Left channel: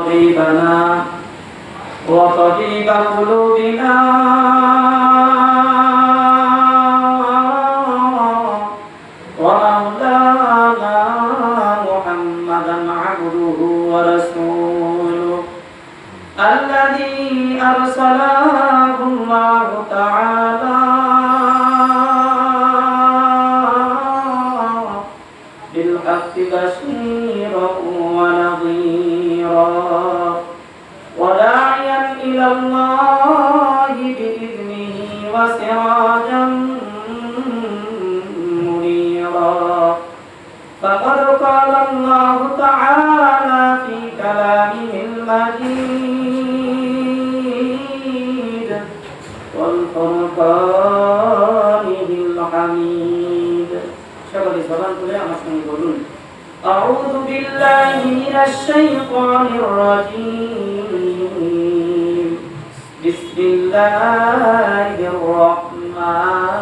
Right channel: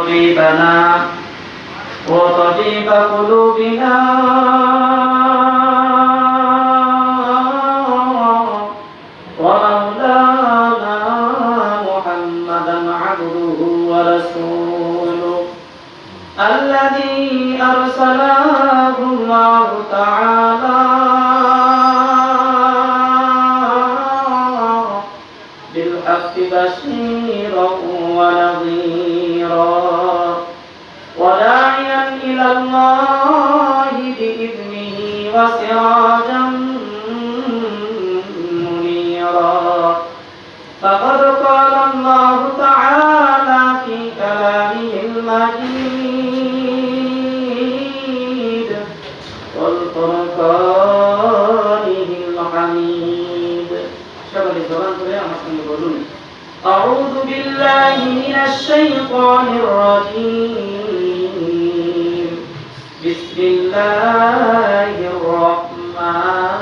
طبيبنا وطبيب قلوبنا ومولانا محمدا عبده ورسوله الذي أرسله الله تعالى بالحق بشيرا ونظيرا وداعيا إلى الله بإذنه وسراجا منيرا فقد قال الله تعالى في كلامه المجيد والفرقانه الحميد شغل الزمان تبعي أمسكني يقولون أعوذ بالله من الشيطان الرجيم بسم الله الرحمن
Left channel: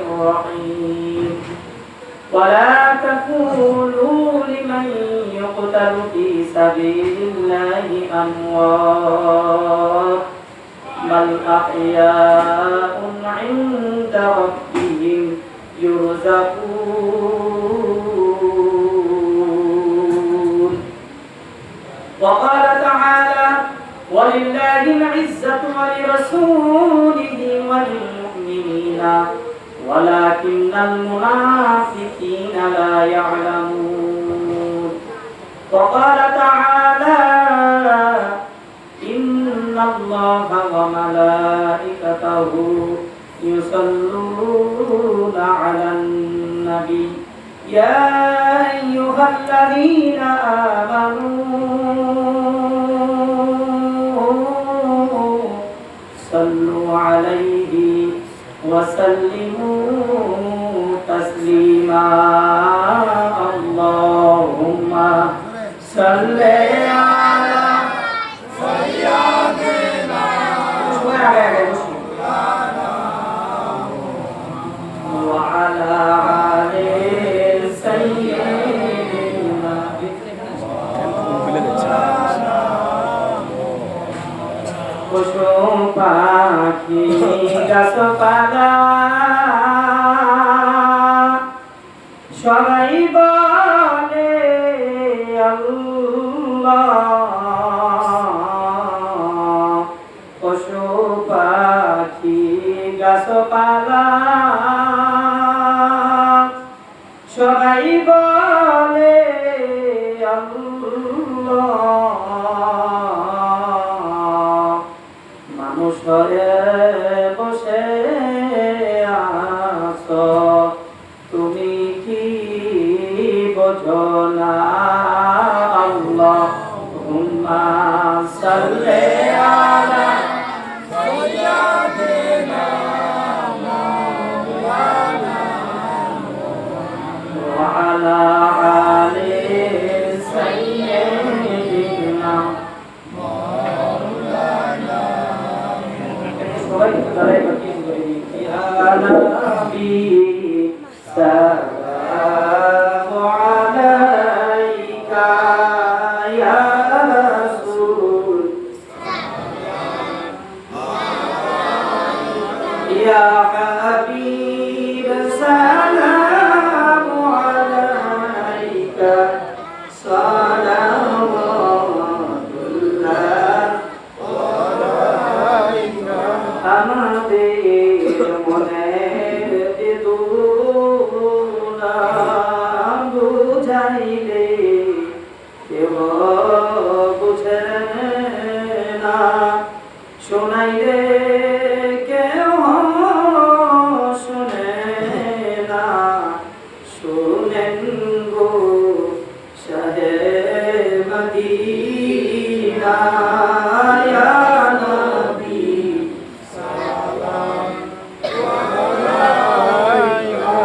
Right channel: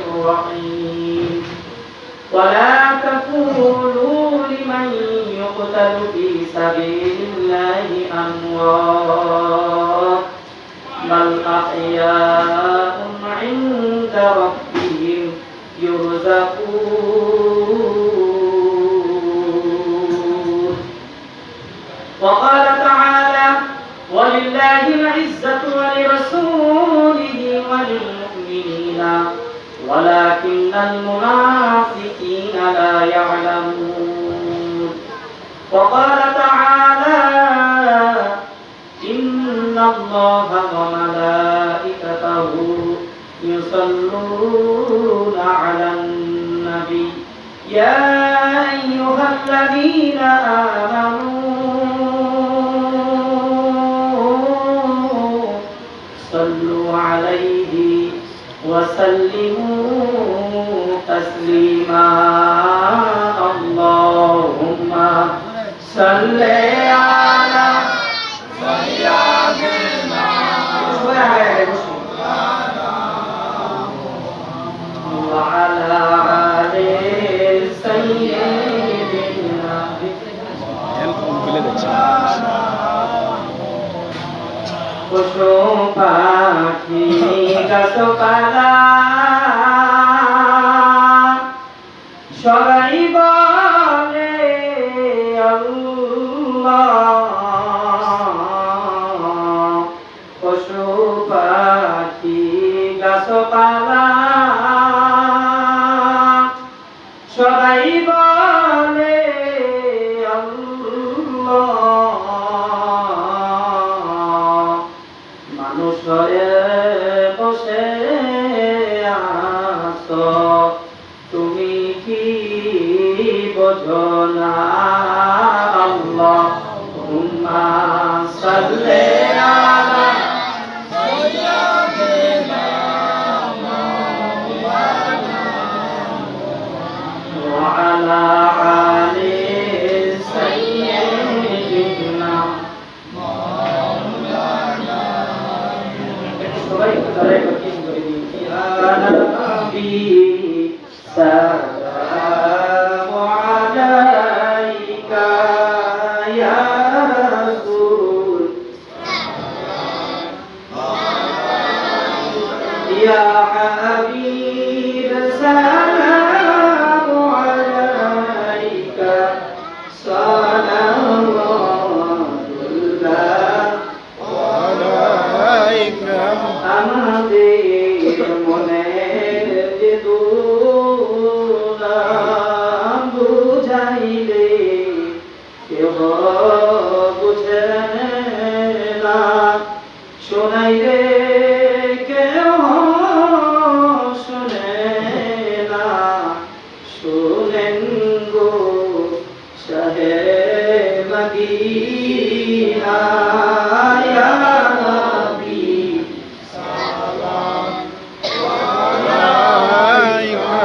الرحيم ولا تقولوا لمن يقتل في سبيل الله أموات بل أحياء عند ربهم يرزقون وقال تعالى ولله العزة ولرسوله وللمؤمنين ولكن المنافقين لا يعلمون وقال تعالى إن الله وملائكته يصلون على النبي يا أيها الذين آمنوا صلوا عليه وسلموا تسليما اللهم صل على سيدنا وعلى آل سيدنا পশু পাখি গাছপালা সবাই বলে আল্লাহ পশু পাখি গাছপালা সবাই বলে আল্লাহ মানুষ ঘরে বসে আছো তুমি কি বোঝো না আল্লাহুম্মা সাল্লি আলা সাইয়্যিদিনা মাওলানা ওয়া আলা আলি সাইয়্যিদিনা মাওলানা সবাই তারাই কি করে দিই ইয়া নবী সালামু আলাইকা ইয়া রাসূল ইয়া হাবিব সালামু আলাইকা সালামুল্লাহ আলাইকা আমাদের মনের যে দুনা বুঝাইলে কেউ বুঝে না শোনাইলে কেউ শুনে না শুনেন গো শাহে মদিনা ইয়া নবী সালাম আলাইকা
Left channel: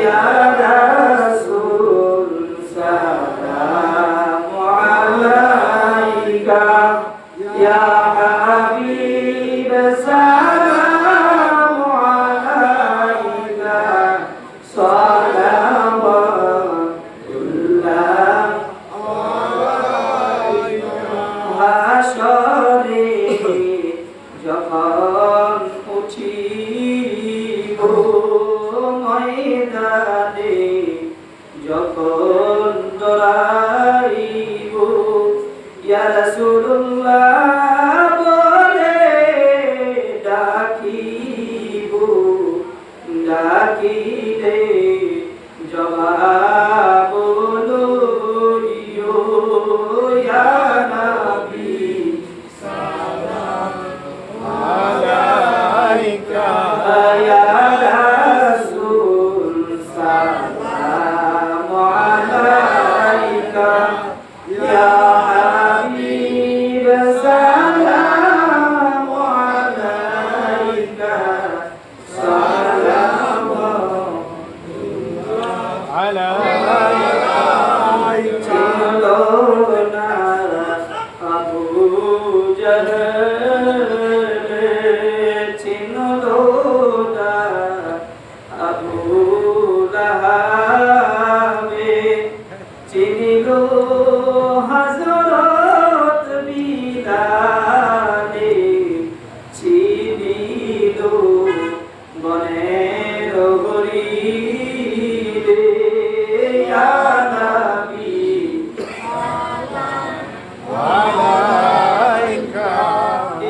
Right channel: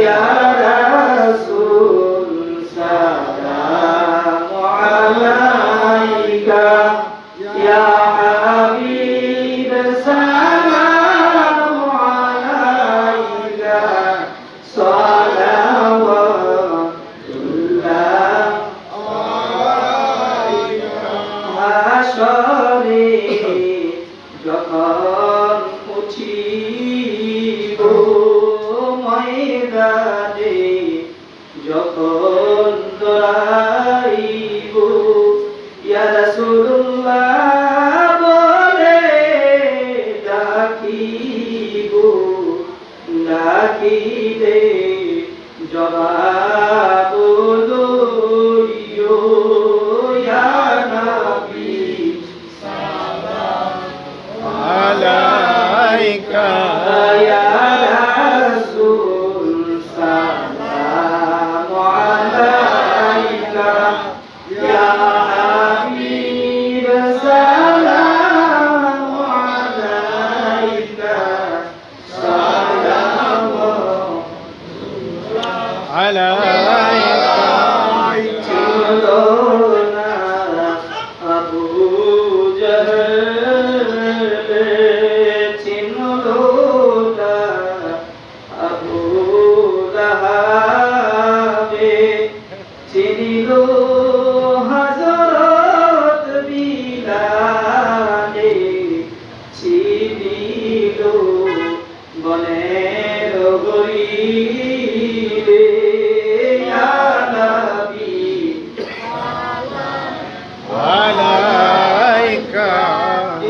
ইয়া রাসূল সালাম আলাইকা ইয়া হাবিব সালাম আলাইকা সালাওয়াতুল্লাহ আলাইকা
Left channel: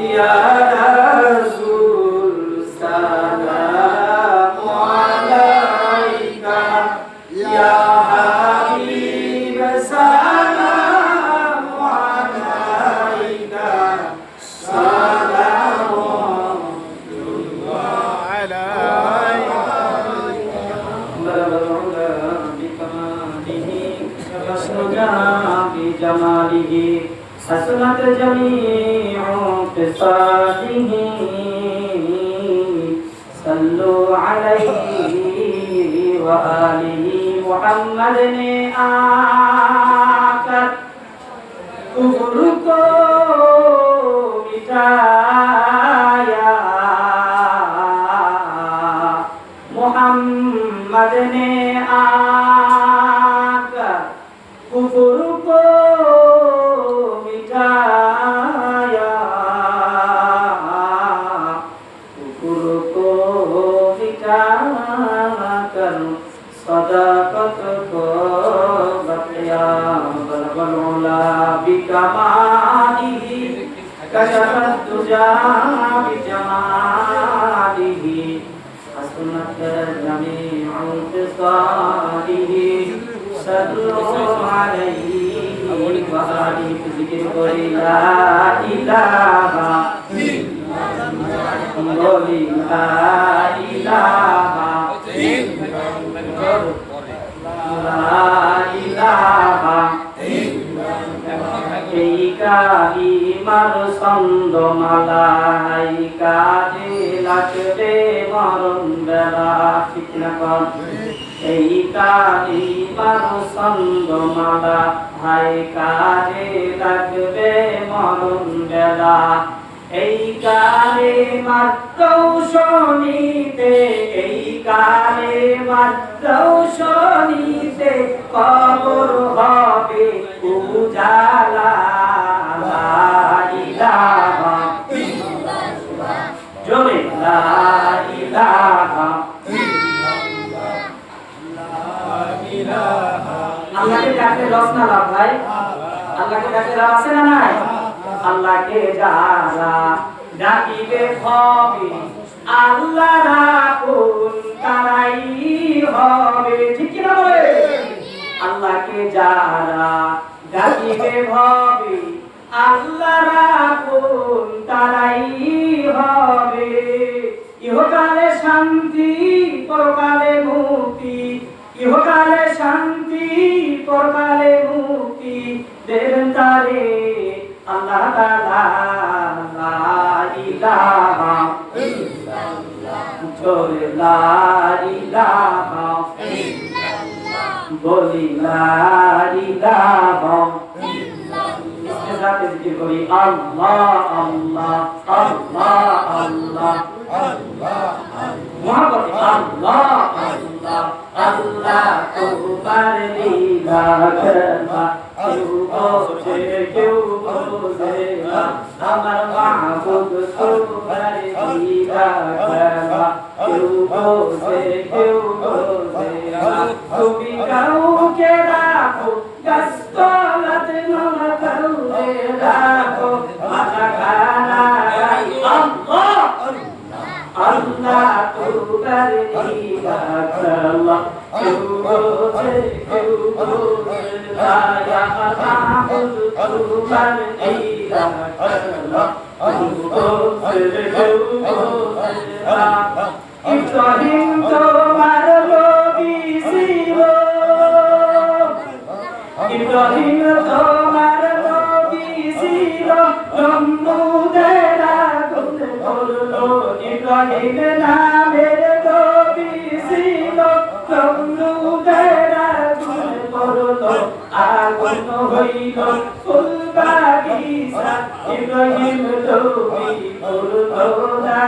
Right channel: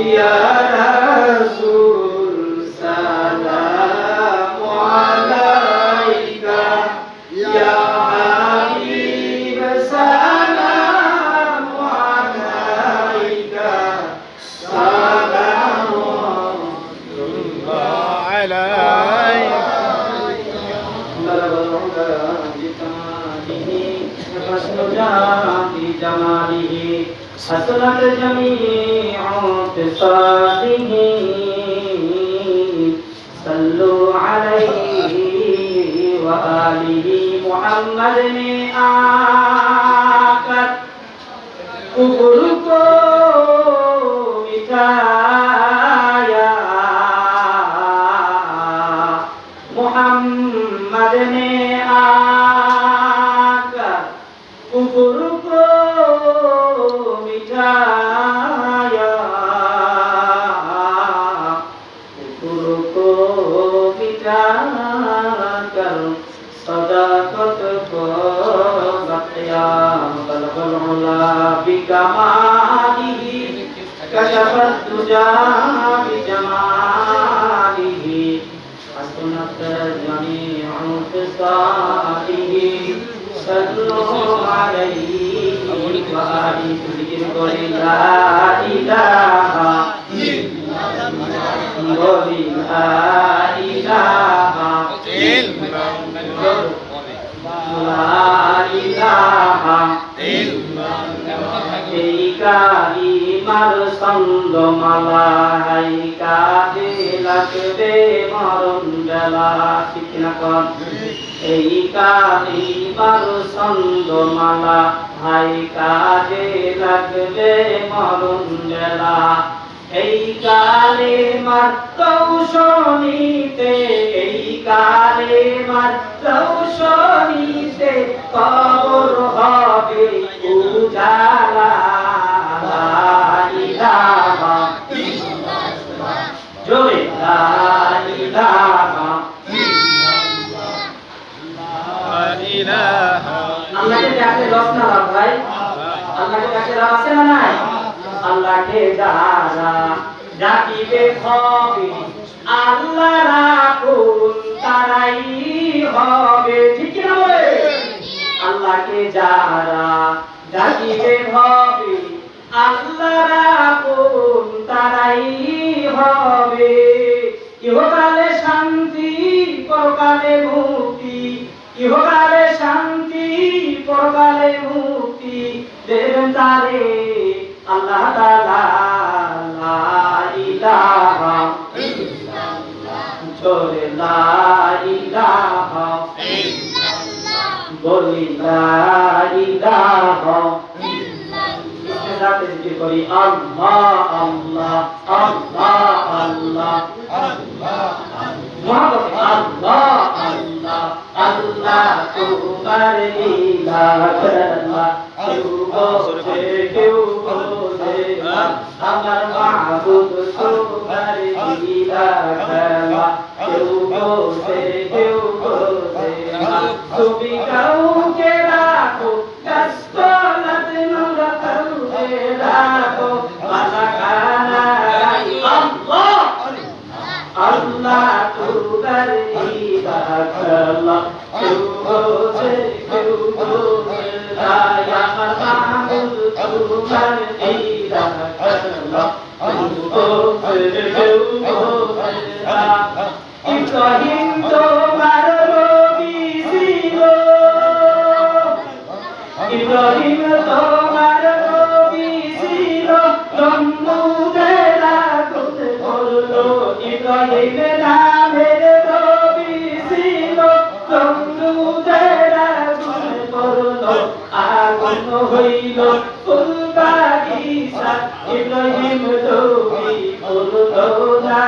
ইয়া রাসূল সালামু আলাইকা ইয়া হাবিব সালামু আলাইকা সালামু আলাইকা بجماله حسنت جميع خصاله صلوا عليه وآله محمد ने आकर कुफर को मिटाया मोहम्मद ने आकर कुफर को मिटाया कुफर को मिटाकर सदाकत को बख्शिया बलगल उला बिकमालिही कशफत तुजा बिजमालिही हसनत जमीउल खिसालिही सल्लल्लाहु अलैहि व आलिहि जिकिर करि ला इलाहा इल्लाल्लाह ला इलाहा ইল্লাল্লাহ লা ইলাহা ইল্লাল্লাহ এই কালিমার ছন্দমালাই কাজে লাগবে মরণ বেলা ঠিক না কর এই কালিমার ছন্দমালা হাই কাজে লাগবে মরণ বেলা এই কালিমার কৌশনীতে এই কালিমার কৌশনীতে কবর হবে উজালা লা ইলাহা ইল্লাল্লাহ জোরে লা ইলাহা ইল্লাল্লাহ লা ইলাহা আল্লাহকে ডাকলে লস না লাভ ভাই আল্লাহকে ডাকলে লাভ আছে না নাই আল্লাহকে যারা ডাকিবে হবে আল্লাহ রাখুন তারাই হবে ঠিক না বলে আল্লাহকে যারা ডাকিবে হবে আল্লাহ রাখুন তারাই হবে ইহকালে শান্তি পরকালে মুক্তি ইহকালে শান্তি পরকালে মুক্তি দেবেন তারে আল্লাহ তাআলা লা ইলাহা ইল্লাল্লাহ জোরে লা ইলাহা ইল্লাল্লাহ বলি লা ইলাহা ইল্লাল্লাহ ইসলাতে জিকির করি আল্লাহ আল্লাহ আল্লাহ আল্লাহ আল্লাহ মুহাম্মদ আল্লাহ আল্লাহ আল্লাহ তোমার লীলা খেলা কেউ বোঝে কেউ বোঝে না আমার মাহবুব তোমার লীলা খেলা কেউ বোঝে কেউ বোঝে না তুমি কাউকে রাখো গাছতলাত নোরা কাউকে রাখো মালাকানা আল্লাহ আল্লাহ তোমার লীলা খেলা কেউ বোঝে কেউ বোঝে না আমার মাহবুব তোমার লীলা খেলা কেউ বোঝে কেউ বোঝে না ইব্রাহিম তোমার নবী ছিল ইব্রাহিম তোমার নবী ছিল নমরুদের আগুন করলো ইব্রাহিম নামের নবী ছিল নমরুদের আগুন করলো আগুন হইল ফুল বাগিচা ইব্রাহিম নবী করলো না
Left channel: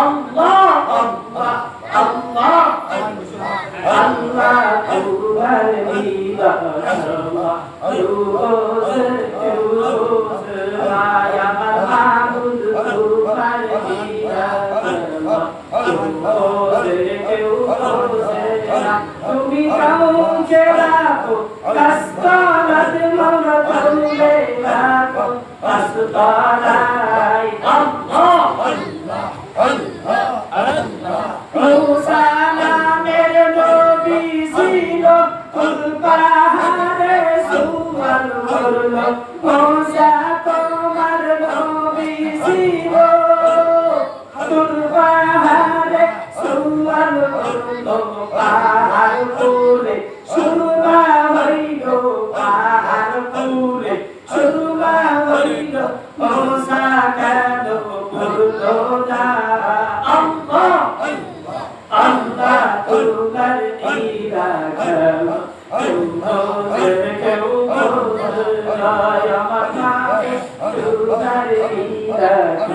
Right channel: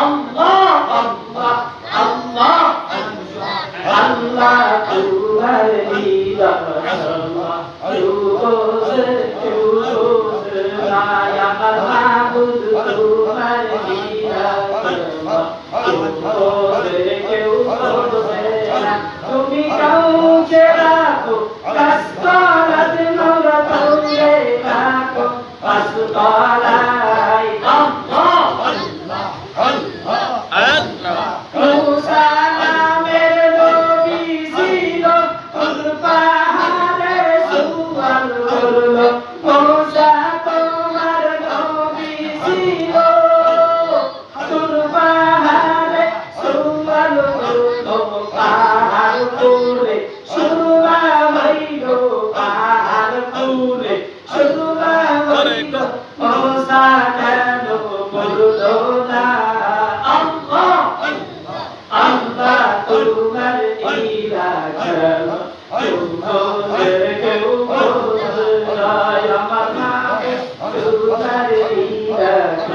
আল্লাহ আল্লাহ আল্লাহ আল্লাহ তোমার লীলা খেলা কেউ বোঝে কেউ বোঝে না আমার মাহবুব তোমার লীলা খেলা কেউ বোঝে কেউ বোঝে না তুমি কাউকে রাখো গাছতলাতে নোরা কাউকে রাখো তলায় মুসা নামের নবী ছিল তুর পাহাড়ে সুয়াল করল মুসা তোমার নবী ছিল তুর পাহাড়ে সুয়াল করল পাহাড় পুরে শুরুয়া হইল পাহাড় পুরে শুরুয়া হইল মুসা কেন বলল না আল্লাহ তোমার ইরাদা তোমার কেউ বলায় আমার নামে তোমার ইরাদা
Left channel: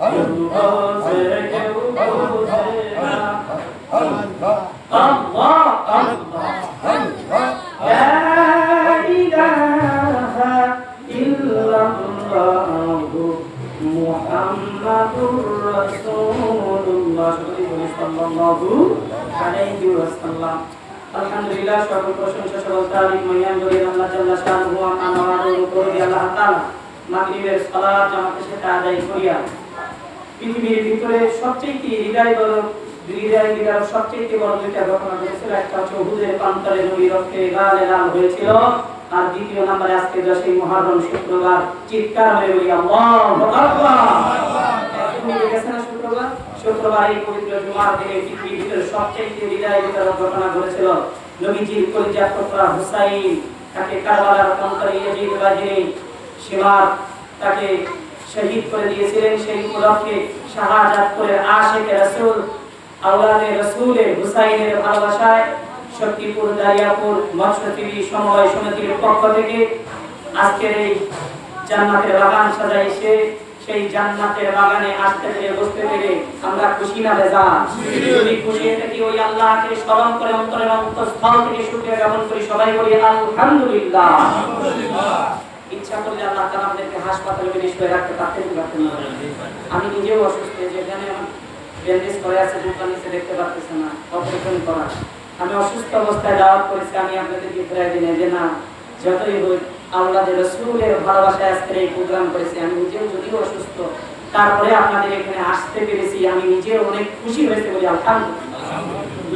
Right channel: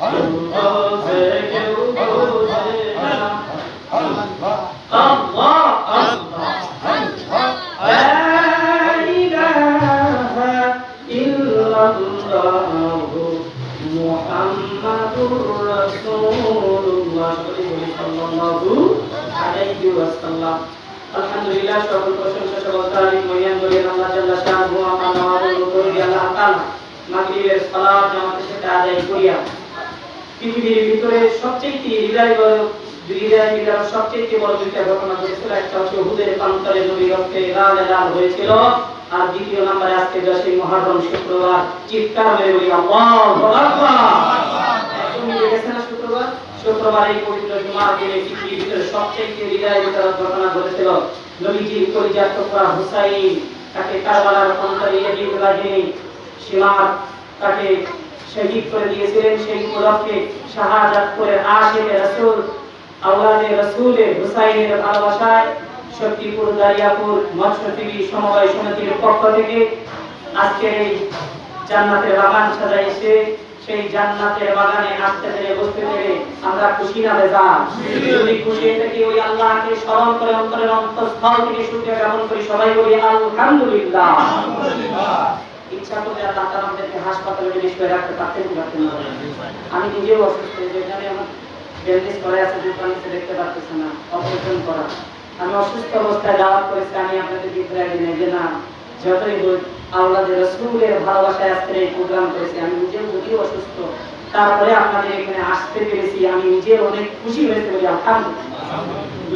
তোমার কেউ বলায় আল্লাহ আল্লাহ লা ইলাহা ইল্লাল্লাহু মুহাম্মাদুর রাসূলুল্লাহ সাল্লাল্লাহু আলাইহি ওয়াসাল্লাম। আলহামদুলিল্লাহ, সকল প্রশংসা সকল তারিফ মহিয়ান বলি আল্লাহ জাল্লা শাআনহু ওয়া তাআলার উপর আল্লাহ তাআলা মাগরিবের সালাত জামাতের সাথে আদায় করিয়া পৃথিবীর ভিতরে সবচেয়ে হৃদয় বিদার সবচেয়ে বড় দুইটা ঘটনা ঘটেছিল। একটা হচ্ছে উহুদের প্রান্তরে নবীর রক্তে লাল লাল হয়েছিল, আর দ্বিতীয় নম্বরে আজকে 10ই মুহররম শুক্রবার চিৎকার মেরে বলি আল্লাহু আকবার। তুমি দেখেছেন না শুক্রবার এই পবিত্র জুমার দিনে পৃথিবীর ভিতরে সবচেয়ে হৃদয় বিদার ঘটনা ঘটেছিল। নবীজির কলিজার টুকরা হুসাইন তাকে কারবালার প্রান্তরে ইয়াজিদ বাহিনী সীমার তাকে শহীদ করে দিয়েছিলেন। সেই উপলক্ষে শাহাদাত করে আশিকে রাসূল আওলাদে রাসূলের হুসাইনের ভালোবাসায় শক্তিপুর দারিয়াপুর মৎস্যজীবী সমবায় সমিতির পক্ষ থেকে আজকের এই জান্নাতের বাগান সাজাইছে। সেই জান্নাতের বাগানে আসতে পেরে বুঝতে পেরে আমরা খুশি না বেজার? যদি খুশি হয়ে থাকি ওই আল্লাহকে স্মরণ করে অন্তরের অন্তঃস্থল থেকে শুকরিয়া জ্ঞাপন করি, সবাই বলি আলহামদুলিল্লাহ। ইচ্ছা করলে আল্লাহ তাআলা আমাদেরকে হাসপাতালে নিয়ে রাখতে পারতেন না। আমি নিজেও অসুস্থ, যেখানে আমার ব্যান্ডেজ করে আছে, জুতার নিচে দেখতে পারতেছে না, অপারেশন করা। আমি অসুস্থ অবস্থায় দাওয়াত করেছি, আমি আপনাদেরকে প্রায় দিনে যে না যতই হোক আওলাদে রাসূলের ভালোবাসায় আজকে এই প্রোগ্রাম করেছি। আমি নিজেও যদিও অসুস্থ, তারপরে আপনাদের এখানে আসতে পেরেছি, আমি নিজেও অনেক খুশি হয়েছি বলি আলহামদুলিল্লাহ।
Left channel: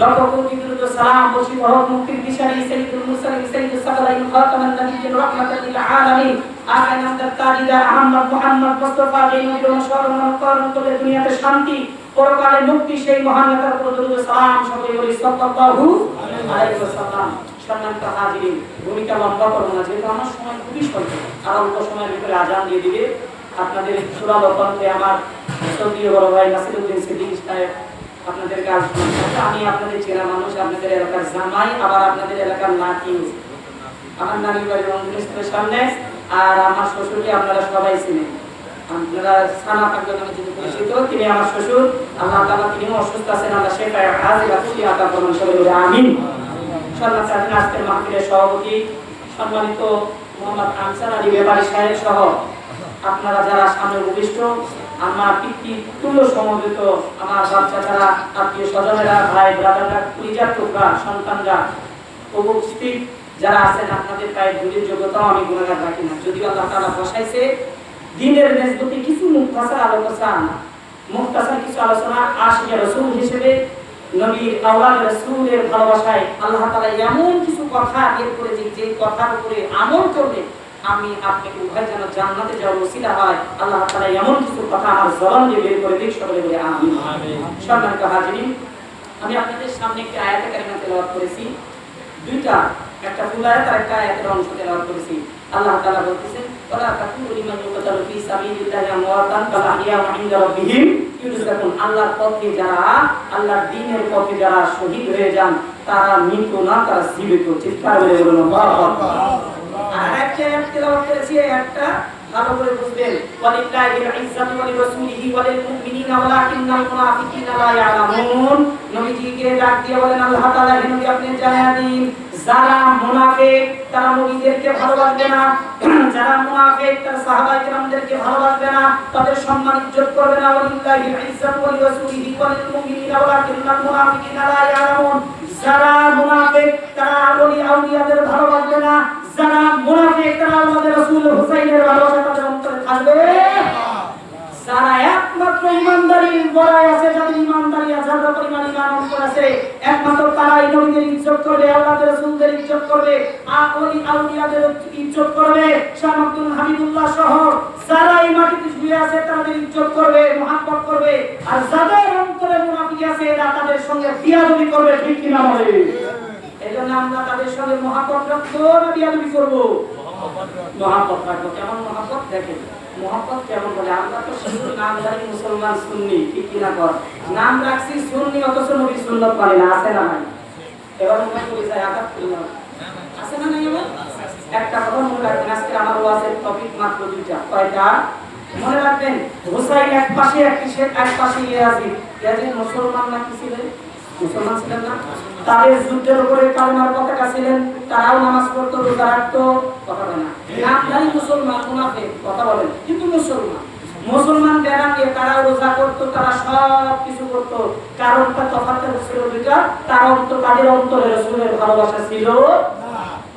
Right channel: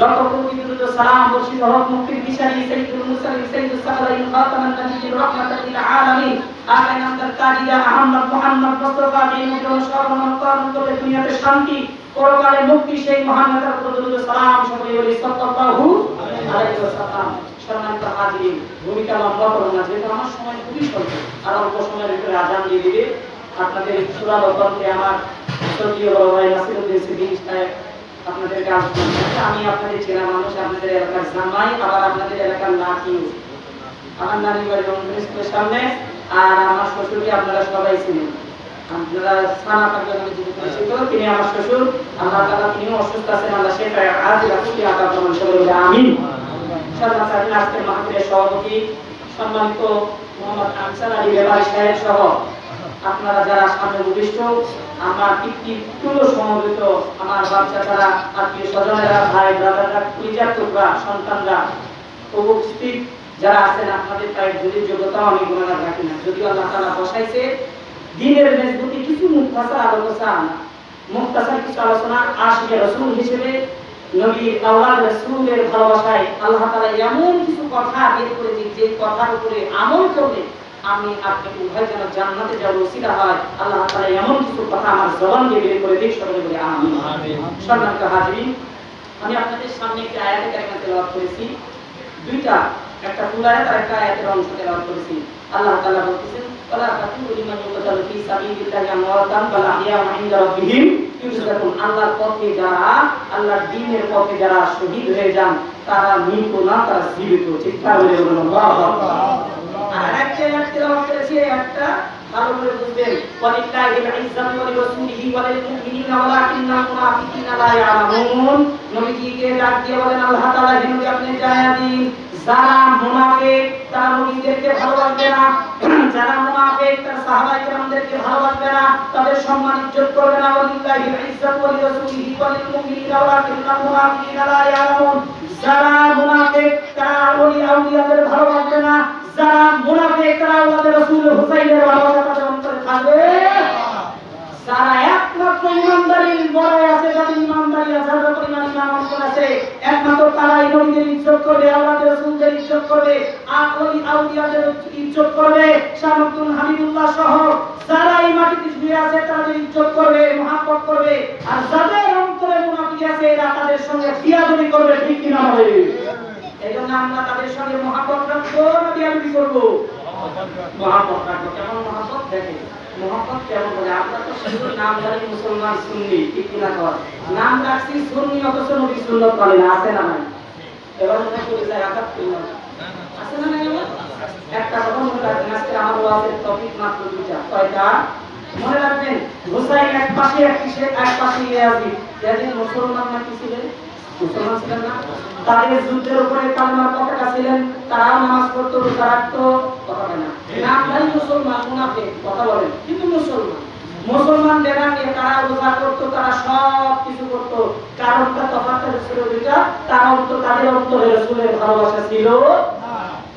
লক্ষ কোটি বিরুদ্ধ সালাম বর্ষিত হক মুক্তির দিশারি সাইয়্যিদুল মুরসালিন সাইয়্যিদুস সাকালাইন খাতামান নাবিয়্যিন রাহমাতাল লিল আলামিন আকাইন আব্দুল কাদির আহমদ মুহাম্মদ মুস্তাফা যিনি অনুসরণ করণ করে দুনিয়াতে শান্তি পরকালে মুক্তি, সেই মহান নেতার প্রতি দরুদ সালাম সকলে বলি সাল্লাল্লাহু আলাইহি ওয়াসাল্লাম। সম্মানিত হাজিরিন, ভূমিকা লম্বা করব না, যেহেতু আমার সময় খুবই স্বল্প, আর অল্প সময়ের ভিতরে আজান দিয়ে দিবে। আপনাদের সুরাল কণ্ঠে আমার সৌদিও বড় ভাই নাসিরউদ্দিন সিদ্দিকী সাহেব আপনাদের কাজ করছে। আমি আপনাদের চেনা মানুষ, আপনাদের এলাকার জামাই, আবার আপনাদের এলাকার নাতি। আমার নানির বাড়ি রংপুর স্কুলের সামনে, আর আমার শ্বশুরকে আপনারা সবাই চিনেন, আপনারা সানা পাকের নামে যিনি পরিচিত, তিনি আমার শ্বশুর। আল্লাহ তাআলা তিনি অসুস্থ আছেন, আল্লাহ শেফা আজিলা খুশি আতা করুন, সবাই বলি আমিন। সম্মানিত আজকের মাহফিলের সভাপতি সম্মানিত মোহাম্মদ আনসার আলী বেলাল সাহেব সহ আপনারা যারা সামনে উপবিষ্ট, আমার পিতৃতুল্য সমবেত আমার বাচ্চারা, আত্মীয় স্বজনেরা, ভাই ব্রাদাররা, কলিজার টুকরা সন্তানরা, উপস্থিত যারা আছেন, আপনাদের প্রায় দুধের যোগ্যতাও আমি গুণাগার রাখি না। যদিও আল্লাহ তাআলা বসাইছে দিনের মেজবুতি কিছু মুখতাসার আলোচনা, মুখতাসার কিছু আলোচনা আশিকে রাসূল হিসেবে নবীর আওলাদ রাসূলের ভালোবাসায় আল্লাহ তাআলা এমন কিছু কথা বের করেছে, যে কথার উপরে আমল করলে আমি আপনাকে উভয় যেন জান্নাতে যাওয়ার ওসিলা হয়। আল্লাহ তাআলা এমন কিছু কথা আমার জবান দিয়ে বের করে দিক, সকলে বলে আমিন। সম্মানিত হাজিরিন, আমি আপনাদের সামনে একটি আয়াতে কারিমা তেলাওয়াত করেছি, দুইটা, একটা ফুল আয়াত আর একটা আয়াতের অংশ তেলাওয়াত করেছি। আল্লাহ তাআলা বলতেছেন ওয়ালা তাকুনু লিমান ইউকাতালু ফি সাবিলিল্লাহি আমওয়াতান বাল আহইয়াউ ইনদা রাব্বিহিম ইউরযাকুন। আল্লাহর পথে যারা, আল্লাহর দ্বীনের পথে যারা শহীদ হয়ে যান, তারা মৃত না, তারা জীবিত। চিৎকার করে বলুন আল্লাহু আকবার। আর একটা তেলাওয়াত করেছি, একটা ভালো করে বুঝবেন, ওয়ালিল্লাহিল ইজ্জাতু ওয়া লিরাসূলিহি ওয়া লিল মুমিনিনা ওয়ালাকিন্নাল মুনাফিকিনা লা ইয়ালামুন। নবীজিকে ডাক দিয়ে বলেন আল্লাহ তাআলা, হে নবী আপনি জানিয়ে দিন, যারা মুনাফিক তারা নবীদেরকে ভালোবাসবে না, যারা মুনাফিক তারা সাহাবায়ে কেরামদেরকে ভালোবাসবে না, তাদের সম্মান ইজ্জত করবে না। ওয়ালিল্লাহিল ইজ্জাতু ওয়া লিরাসূলিহি ওয়া লিল মুমিনিনা ওয়ালাকিন্নাল মুনাফিকিনা লা ইয়ালামুন। যারা মুনাফিক তারা ওলি আউলিয়াদের ভালোবাসবে না, যারা মুনাফিক তারা আমাদের রাসূল হুসাইনের ভালোবাসা তাদের অন্তরে থাকবে একমাত্র তারাই নবীদের ইজ্জত করবে, আল্লাহর রাসূলদের ইজ্জত করবে, আর ওলি আউলিয়াদের ইজ্জত করবে। শাহ আব্দুল হামিদুল্লাহ সহ যারা এই মাটিতে শুয়ে আছে তাদের ইজ্জত করবে, মহব্বত করবে। আর যাদের অন্তরে মুনাফিক আছে এরা তাদের সঙ্গে বিয়াদবি করবে, ঠিক কি না বলে? এজন্য আমরা তাদের সঙ্গে মহব্বত রাখবো না বিয়াদবি করব? মহব্বত রাখবো। কেমন মহব্বত? দেখেন মহব্বত কেমন বলে। আমরা তো শুধু নাম জানি মুসলমান সুন্নি, ঠিক কি না? কর নাম রাখছি সুন্নি, অথচ নবী সুন্নত মানে না, আছে না নাই? এবার মনে করি যায় আঘাত করলাম, আছে না নাই? একটা কথা মনে রাখবেন, আজকে আমার ওয়াজের টপিক মাত্র দুইটা। কয়টা মনে রাখবেন? হুসাইন এক পাশে, এক পাশে ইয়াজিদ। ইয়াজিদ মুসলমান না কি ছিলেন? মুসলমান ছিলেন না? তাদের যুদ্ধের উপরে কালেমার পতাকা ছিলেন, তারাও নামাজ পড়তো, রোজা রাখতো, কথা বলে না। নামধারী মুসলমান, মুনাফিক, কথা বলেন, কিন্তু মুসলমান। মুসলমান বেড়া নিয়ে তারাও রোজা করতো, তারা সব কিছু করতো। কারণটা তফাৎ ছিল দুইটা, তাদের অন্তরে রাসূলের ভালোবাসা ছিল।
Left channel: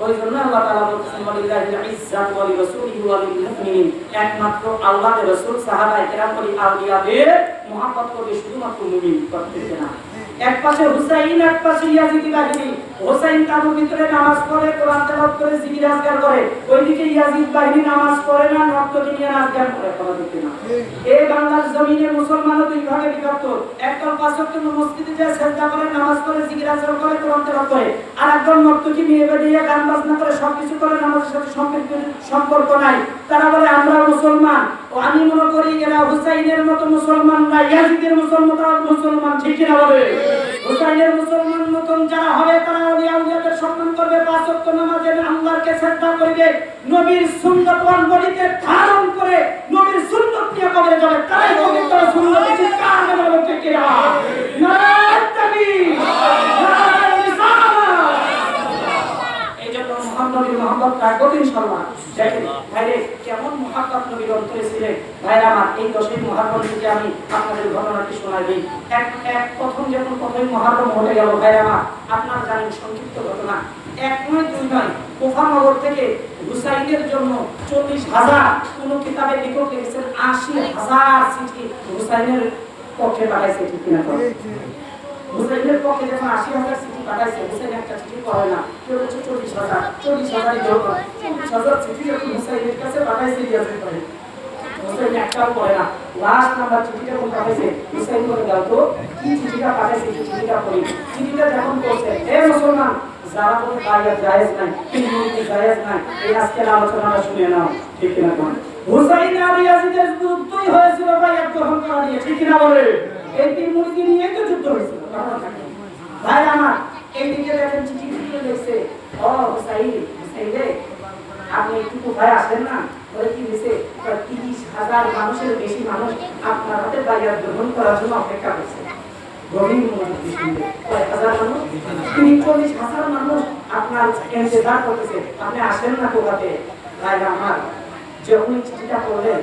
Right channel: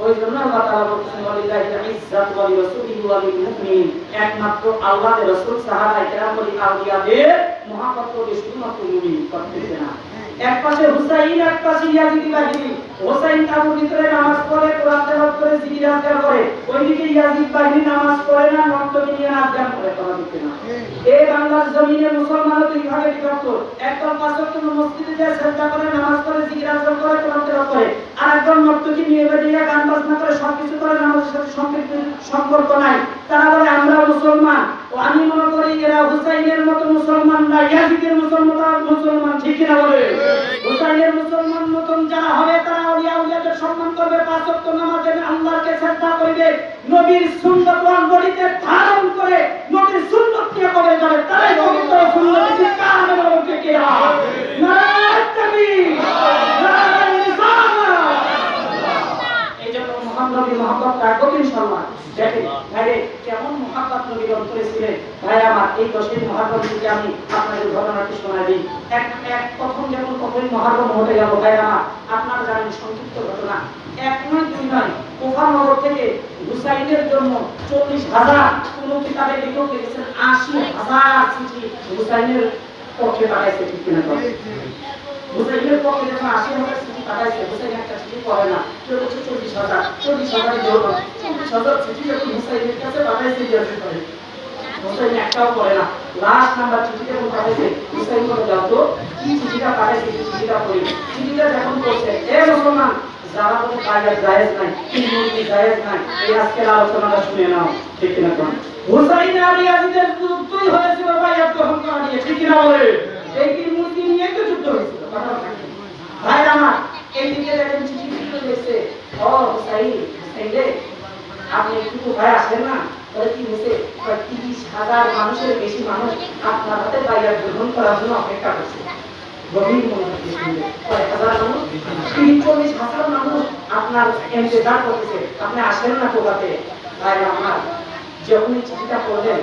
ওই জন্য আল্লাহ তাআলা বলেছেন ওয়ালিল্লাহিল ইজ্জাতু ওয়া লিরাসূলিহি ওয়া লিল মুমিনিন, একমাত্র আল্লাহর রাসূল সাহাবায়ে কেরাম ওলি আউলিয়াদের মহব্বত করবে, শুধুমাত্র মুমিন করতে না। এক পাশে হুসাইন, এক পাশে ইয়াজিদি বাহিনী। হুসাইন তাবুর ভিতরে নামাজ পড়ে, কোরআন তেলাওয়াত করে, জিকির আজকার করে। ওইদিকে ইয়াজিদ বাহিনী নামাজ পড়ে না, নর্তকী নিয়ে নাচ গান করে, কথা বলতে না। এই বাংলার জমিনে মুসলমানও দুই ভাগে বিভক্ত। একদল পাঁচ ওয়াক্ত মসজিদে যায়, সিজদা করে, নামাজ পড়ে, জিকির আজকার করে, কোরআন তেলাওয়াত করে। আর একদল নর্তকী নিয়ে বেরিয়ে গান বাজনা করে, সবকিছু করে, নামাজের সাথে সম্পর্ক নাই। তারা বলে আমরা মুসলমান। ও আমি মনে করি এরা হুসাইনের মতো মুসলমান না, ইয়াজিদের মুসলমান, ঠিক কি না বলে? হুসাইনের মুসলমান মতন যারা হবে তারা ওলি আউলিয়াদের সম্মান করবে, পাঁচ ওয়াক্ত নামাজে আল্লাহকে সিজদা করবে, নবীর সুন্নাত বডিতে ধারণ করে নবীর সুন্নাত নিয়ে কবরে যাবে, তারাই পবিত্র সুন্নাত চিৎকার করে বলতে ঠিক না? নারায়ে তাকবীর, নারায়ে রিসালাত। এই জন্য মুহাম্মদের মহব্বত রাখবো ইনশাআল্লাহ। দেখেন ভাইরে কেমন মহব্বত নবীর অন্তরে ছিলেন। ভাই আমার এই 10 মুহররম থেকে আমি আপনাদের ঘটনাটি শোনাই দিই। প্রথম যখন প্রথম মুহররম হতে গেল, ভাই আমার আপনারা জানেন সংক্ষিপ্ত ঘটনা। এক নয় দুই নয়, কুফা নগর থেকে হুসাইনের জন্য 40,000, কোন কিতাবে লেখক লিখেছেন 80,000 চিঠি হুসাইনের পক্ষে পাঠাইছে, ঠিক কিনা? হুসাইনের পক্ষে যখন 80,000 চিঠি পাঠাইছে, হুসাইন একটা চিঠি পড়ে না, কেউ বলছে 40,000 জন্য 40,000 চিঠি যখন হুসাইনের কাছে পাঠাইছে, ইয়াজিদ ভাই হুসাইন একটাও পড়ে না। লাস্ট নাম্বার চিঠিটা যখন পাঠাইছে, হুসাইন বলে দাও তো কি চিঠিটা পাঠাইছে, এই চিঠিটা পড়ি। চিঠিটা যখন পড়ছে, হে মুসলমান, যারা বলে বাইরে জায়েজ নাই, কিন্তু জায়েজ নাই, এই আজকের আলোচনাটা শুনে নাও, ঠিক কিনা? হুসাইন আর ইয়াজিদের যুদ্ধই হয়েছিল ভাই এক অহংকার নিয়ে, ঠিক কিনা বলে? এই কি মূর্তি নিয়ে তো যুদ্ধ হয়েছিল, ভাই আমার। এইদিকে দেখেন চিঠি লিখছে, ও হুসাইন, হুসাইন রে আপনি একটু ভাই আসেন না, বলে কি হয়েছে? 30,000 মানুষের বেশি মানুষ আপনার হাতে বাইরে গ্রহণ করার জন্য অপেক্ষা করছে। গভীর মনোযোগ দিয়ে শুনবেন, কয়েক হাজার মানুষ, 40,000 মানুষ আপনার ইন্তজার করতেছে, আপনি আসেন না কোথাতে? ভাই আমার যখন চিঠিটা পড়লেন,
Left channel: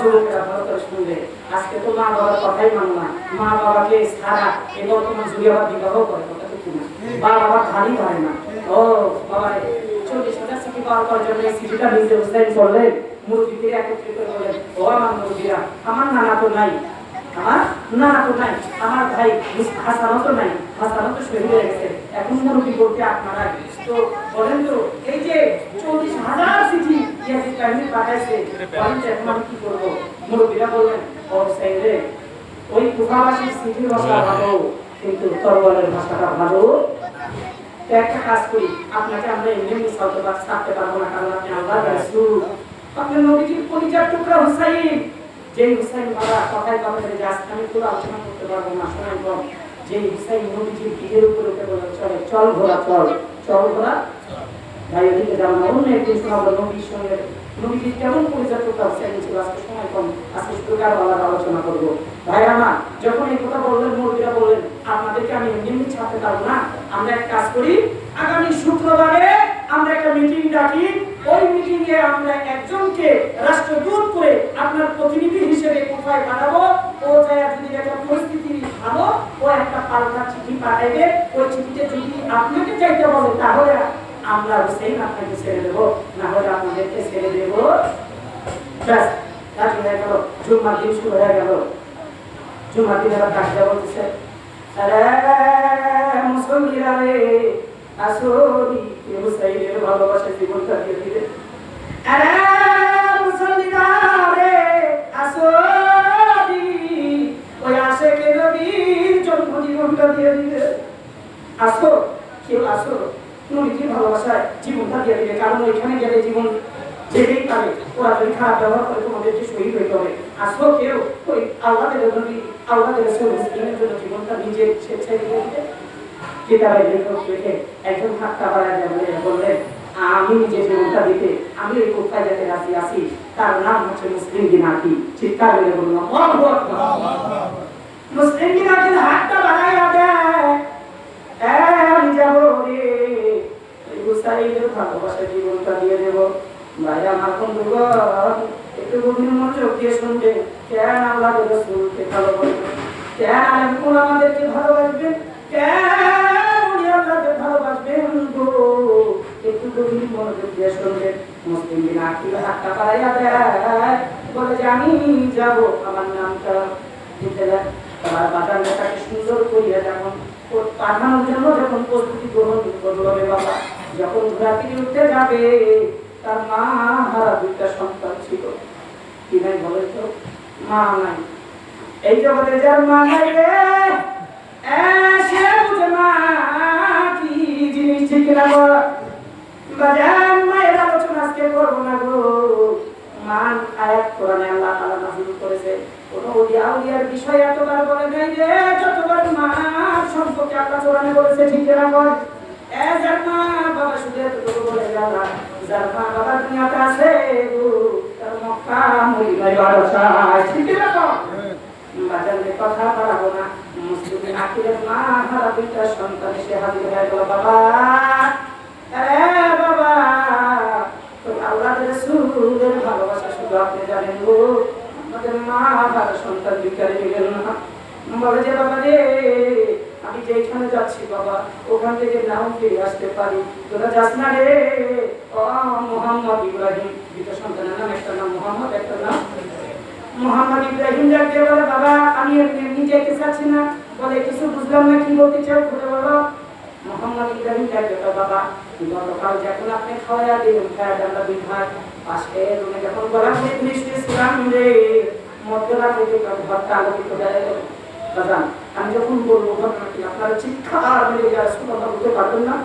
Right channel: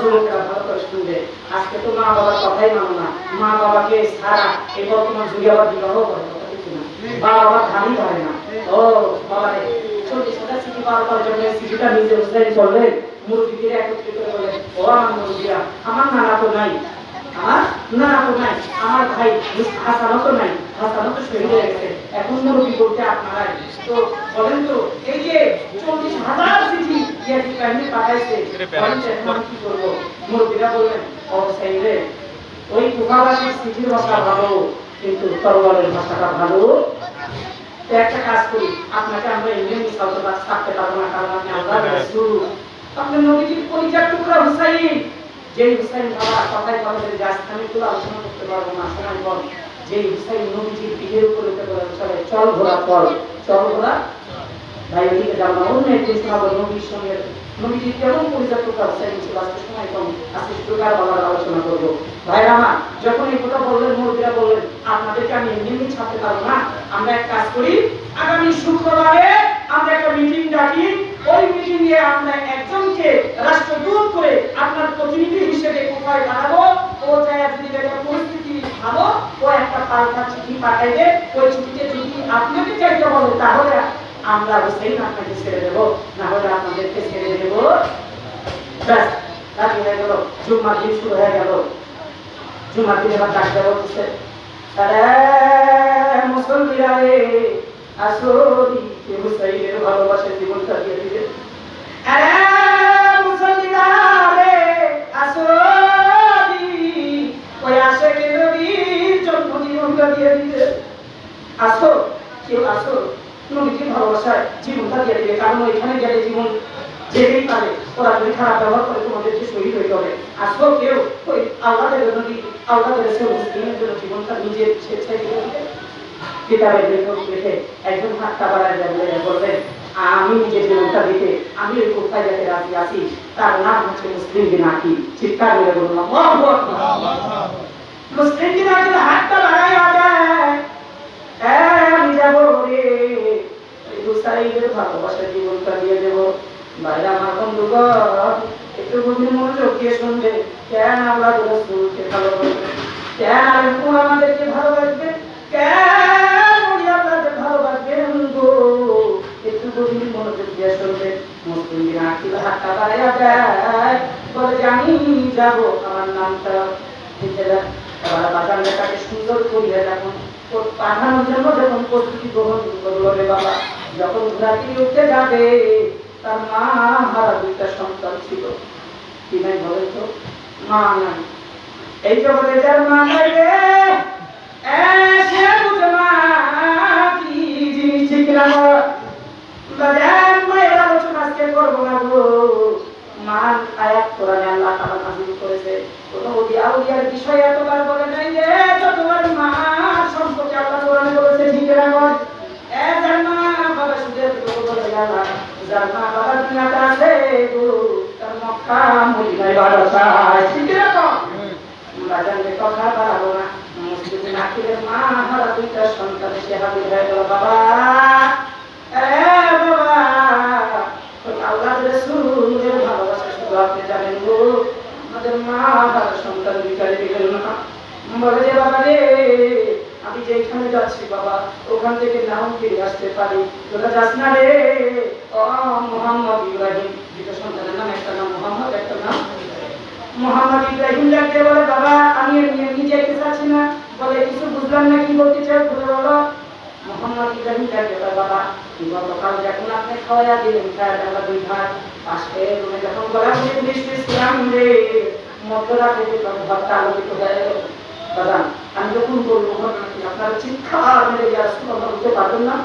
যুবকেরা ভালো করে শুনবে, আজকে তো মা বাবার কথাই মানো না, মা বাবাকে ছাড়া এই বর্তমান যুগে আবার বিবাহ করে, কথা ঠিক না? বাবা ধানই ধরে না। ও বাবা 40,000 চিঠি পাওয়ার পর যখন চিঠিটা নিজে হুসাইন করলেন, মুরব্বিদের একত্রিত করে বললেন, ও আমার মুরব্বিরা, আমার নানা তো নাই, আমার ভাই হাসানও তো নাই, হাসানও তো শহীদ হয়ে গেছে, এখন মুরব্বি বলতে আপনারাই তো বলেন তো, এই যে 40,000 চিঠি ইয়াজিদ বাহিনী পাঠাইছে, বলেন তো এখন আমি কি করবো? মুরব্বিরা বললেন, ও সাইদ রে, ওই কুফাবাসীর চিঠির ভাষা ভালো, কিন্তু তরবারের ভাষাটা ভালো। তো একটা কাজ করি, আপনাকে আমরা ইন্ডিয়ান মিসালতে ছাড়তে পারবো না, কারণ আপনি আল্লাহর রাসূল, আপনি নবীজির পরিচয় টুকরা হুসাইন। যেই হুসাইন বাবা কথায় কথায় যে আজকে আমি পুরো আলোচনা করতে পারবো না, সময় কম। যেই হুসাইন নবীজির বিয়ের উপরে চলে, চল ঘোড়া চল, চল ঘোড়া ভাই, ওদিকে যাও না, অন্য একদিন শোনাবো নবীর সঙ্গে নবীজির কেমন পরিচয় টুকরা হুসাইন ছিল। আজকে সময় কম, আজকে প্রকার বাবার আলোচনা করবো। ভাই আমার যখন এই কথা বললেন, মুরব্বিরা বললেন, আপনাদেরকে আমি এমনি ছাড়তে পারবো না, আমরা এক কাজ করি, আগামী শুক্রবারে আমরা একটা মিটিং ডাকি, ওই মিটিং এ আমরা একজনকে রাষ্ট্রদূত করে আপনার প্রতিনিধি হিসেবে কোথায় পাঠাবো, ও যায় যদি একটা পরিস্থিতি ভালো, ও একটা পাল্টা চিঠি পাঠাইবে, ওই চিঠিতে যদি আপনাকে চাইতে বলে তাহলে আমরা হুসাইন আপনাকে ছেড়ে দেবো, না হলে আপনাদেরকে ছেড়ে দেবো। ব্যাস রাজি হয়ে গেল। জুম্মার দিন শুরু হয়ে গেল। জুম্মার দিন এবার ডাক দেওয়া হচ্ছে, মুসলমানরা রে আসরি কে হুসাইনের ভালোবাসা জীবনটা দিয়ে দিবে আরে মুসলমানরা রে আসরি ওই আশিকে নবীর জন্য জীবনটা দিয়ে দিবে আসো কেউ আসো নবীর ভালোবাসায় জীবনটা দিয়ে দিবে কারণ এখানে গেলে জীবন যেতেই পারে ওরা যদি খারাপ ব্যবহার করে তোমাদেরকে শহীদ হইতে হবে আসো কেউ ওই আল্লাহর নবী আল্লাহর রাসূল মুসলিমের জন্য জীবনটা নিজে স্বেচ্ছায় দিয়ে দিবে কিতাবের লেখক লিখে একজন হাক্কা বাড়ায় বললেন আমি নিজে জীবনটা দিতে আমি এই কোথায় যেতে রাজি আছি তার নাম হচ্ছে মুসলিম বিনাকি চিৎকার করে বলুন আল্লাহু আকবার মুসলিম বিনাকি হাতটা বাড়ায় আদায় আমি যাব রে এই হুসাইনের ভালোবাসা জীবনটা দিয়ে দেব ভাইরা আমার বন্ধুগণ একটু গভীর মনোযোগ দিয়ে শুনবে কেন আল্লাহর রাসূলকে ভালোবাসবে কেন আলেমকুল আমাদেরকে ভালোবাসবে কেন উনি আপনাদের ভালোবাসবেন গো একটু গভীর মনোযোগ দিয়ে শুনবে মুসলিম বিনাকি হাতটা বাড়াইয়া দেয় বলে যে আমি যাব আমার নামটা দিতে দেয় এবার বাজারটাকে সুন্দর করিয়া যখন পাঠানোর জন্য যখন প্রস্তুতি গ্রহণ করলো রে বাবা যখন ঘোড়াটি উঠতে যাবে তার মা হারা দুইটা সন্তান ছিল কি নাই বলে তো মা নাই এই জগতে যার মা নাই রে সে বুঝে মা কি জিনিস ঠিক না বাজান মায়ের আলোচনা আজকে করবো না গো মান আয়াত কোরআনে আল্লাহ তাআলা নাযিল করেছে কোন আউলিয়ার বিষয় এতবার বলে নাই যে যতবার মা সম্পর্কে আল্লাহ কোরআনে বলেছে ঠিক না বল যার মা বাবা শুধু এতটুকু বলে যাবা যার মা বাবা দুনিয়াতে আছে গো তার মক্কা মদিনায় বাদশা ঠিক না বাজারে কথা বাড়াবো না মুসলিম আখিরের মা হারা দুইটা সন্তান সে হাজির হয়ে গেল বাবা বাবা আল্লাহর রাসূলের ভালোবাসা শুধু আপনি জানেন গো আমাদের মা হারা সন্তান বিকারে দিলেন না বলে যে বাবা রে আমি যেখানে যাচ্ছি বাবা ওখান থেকে নাম ফিরে আসতে পারি তোরা যাস না রে ও মুহাম্মদ ইব্রাহিম দুইটা সন্তানের নাম একটা নাম মুহাম্মদ একটা নাম মুহাম্মদ ইব্রাহিম যাকে বলে বাবা আমি এমনি যেতে চাচ্ছি না বলে কিছু বুঝলাম না কি বলতে চাই খুলে বলো মুহাম্মদ ইব্রাহিম যাকে বলে বাবা গতকাল যখন আপনি খাওয়া দিলেন খাওয়া আমরা দুই ভাই পাশে রুমে যখন বলা ইসলাম রে মধ্যরা থেকে ভাবটা আলোকিত দেয় বাজান আমি যখন বলবো ঘটনা কি আপনারা চিৎকার মেরে গিয়ে শুনে বলতে পারবেন না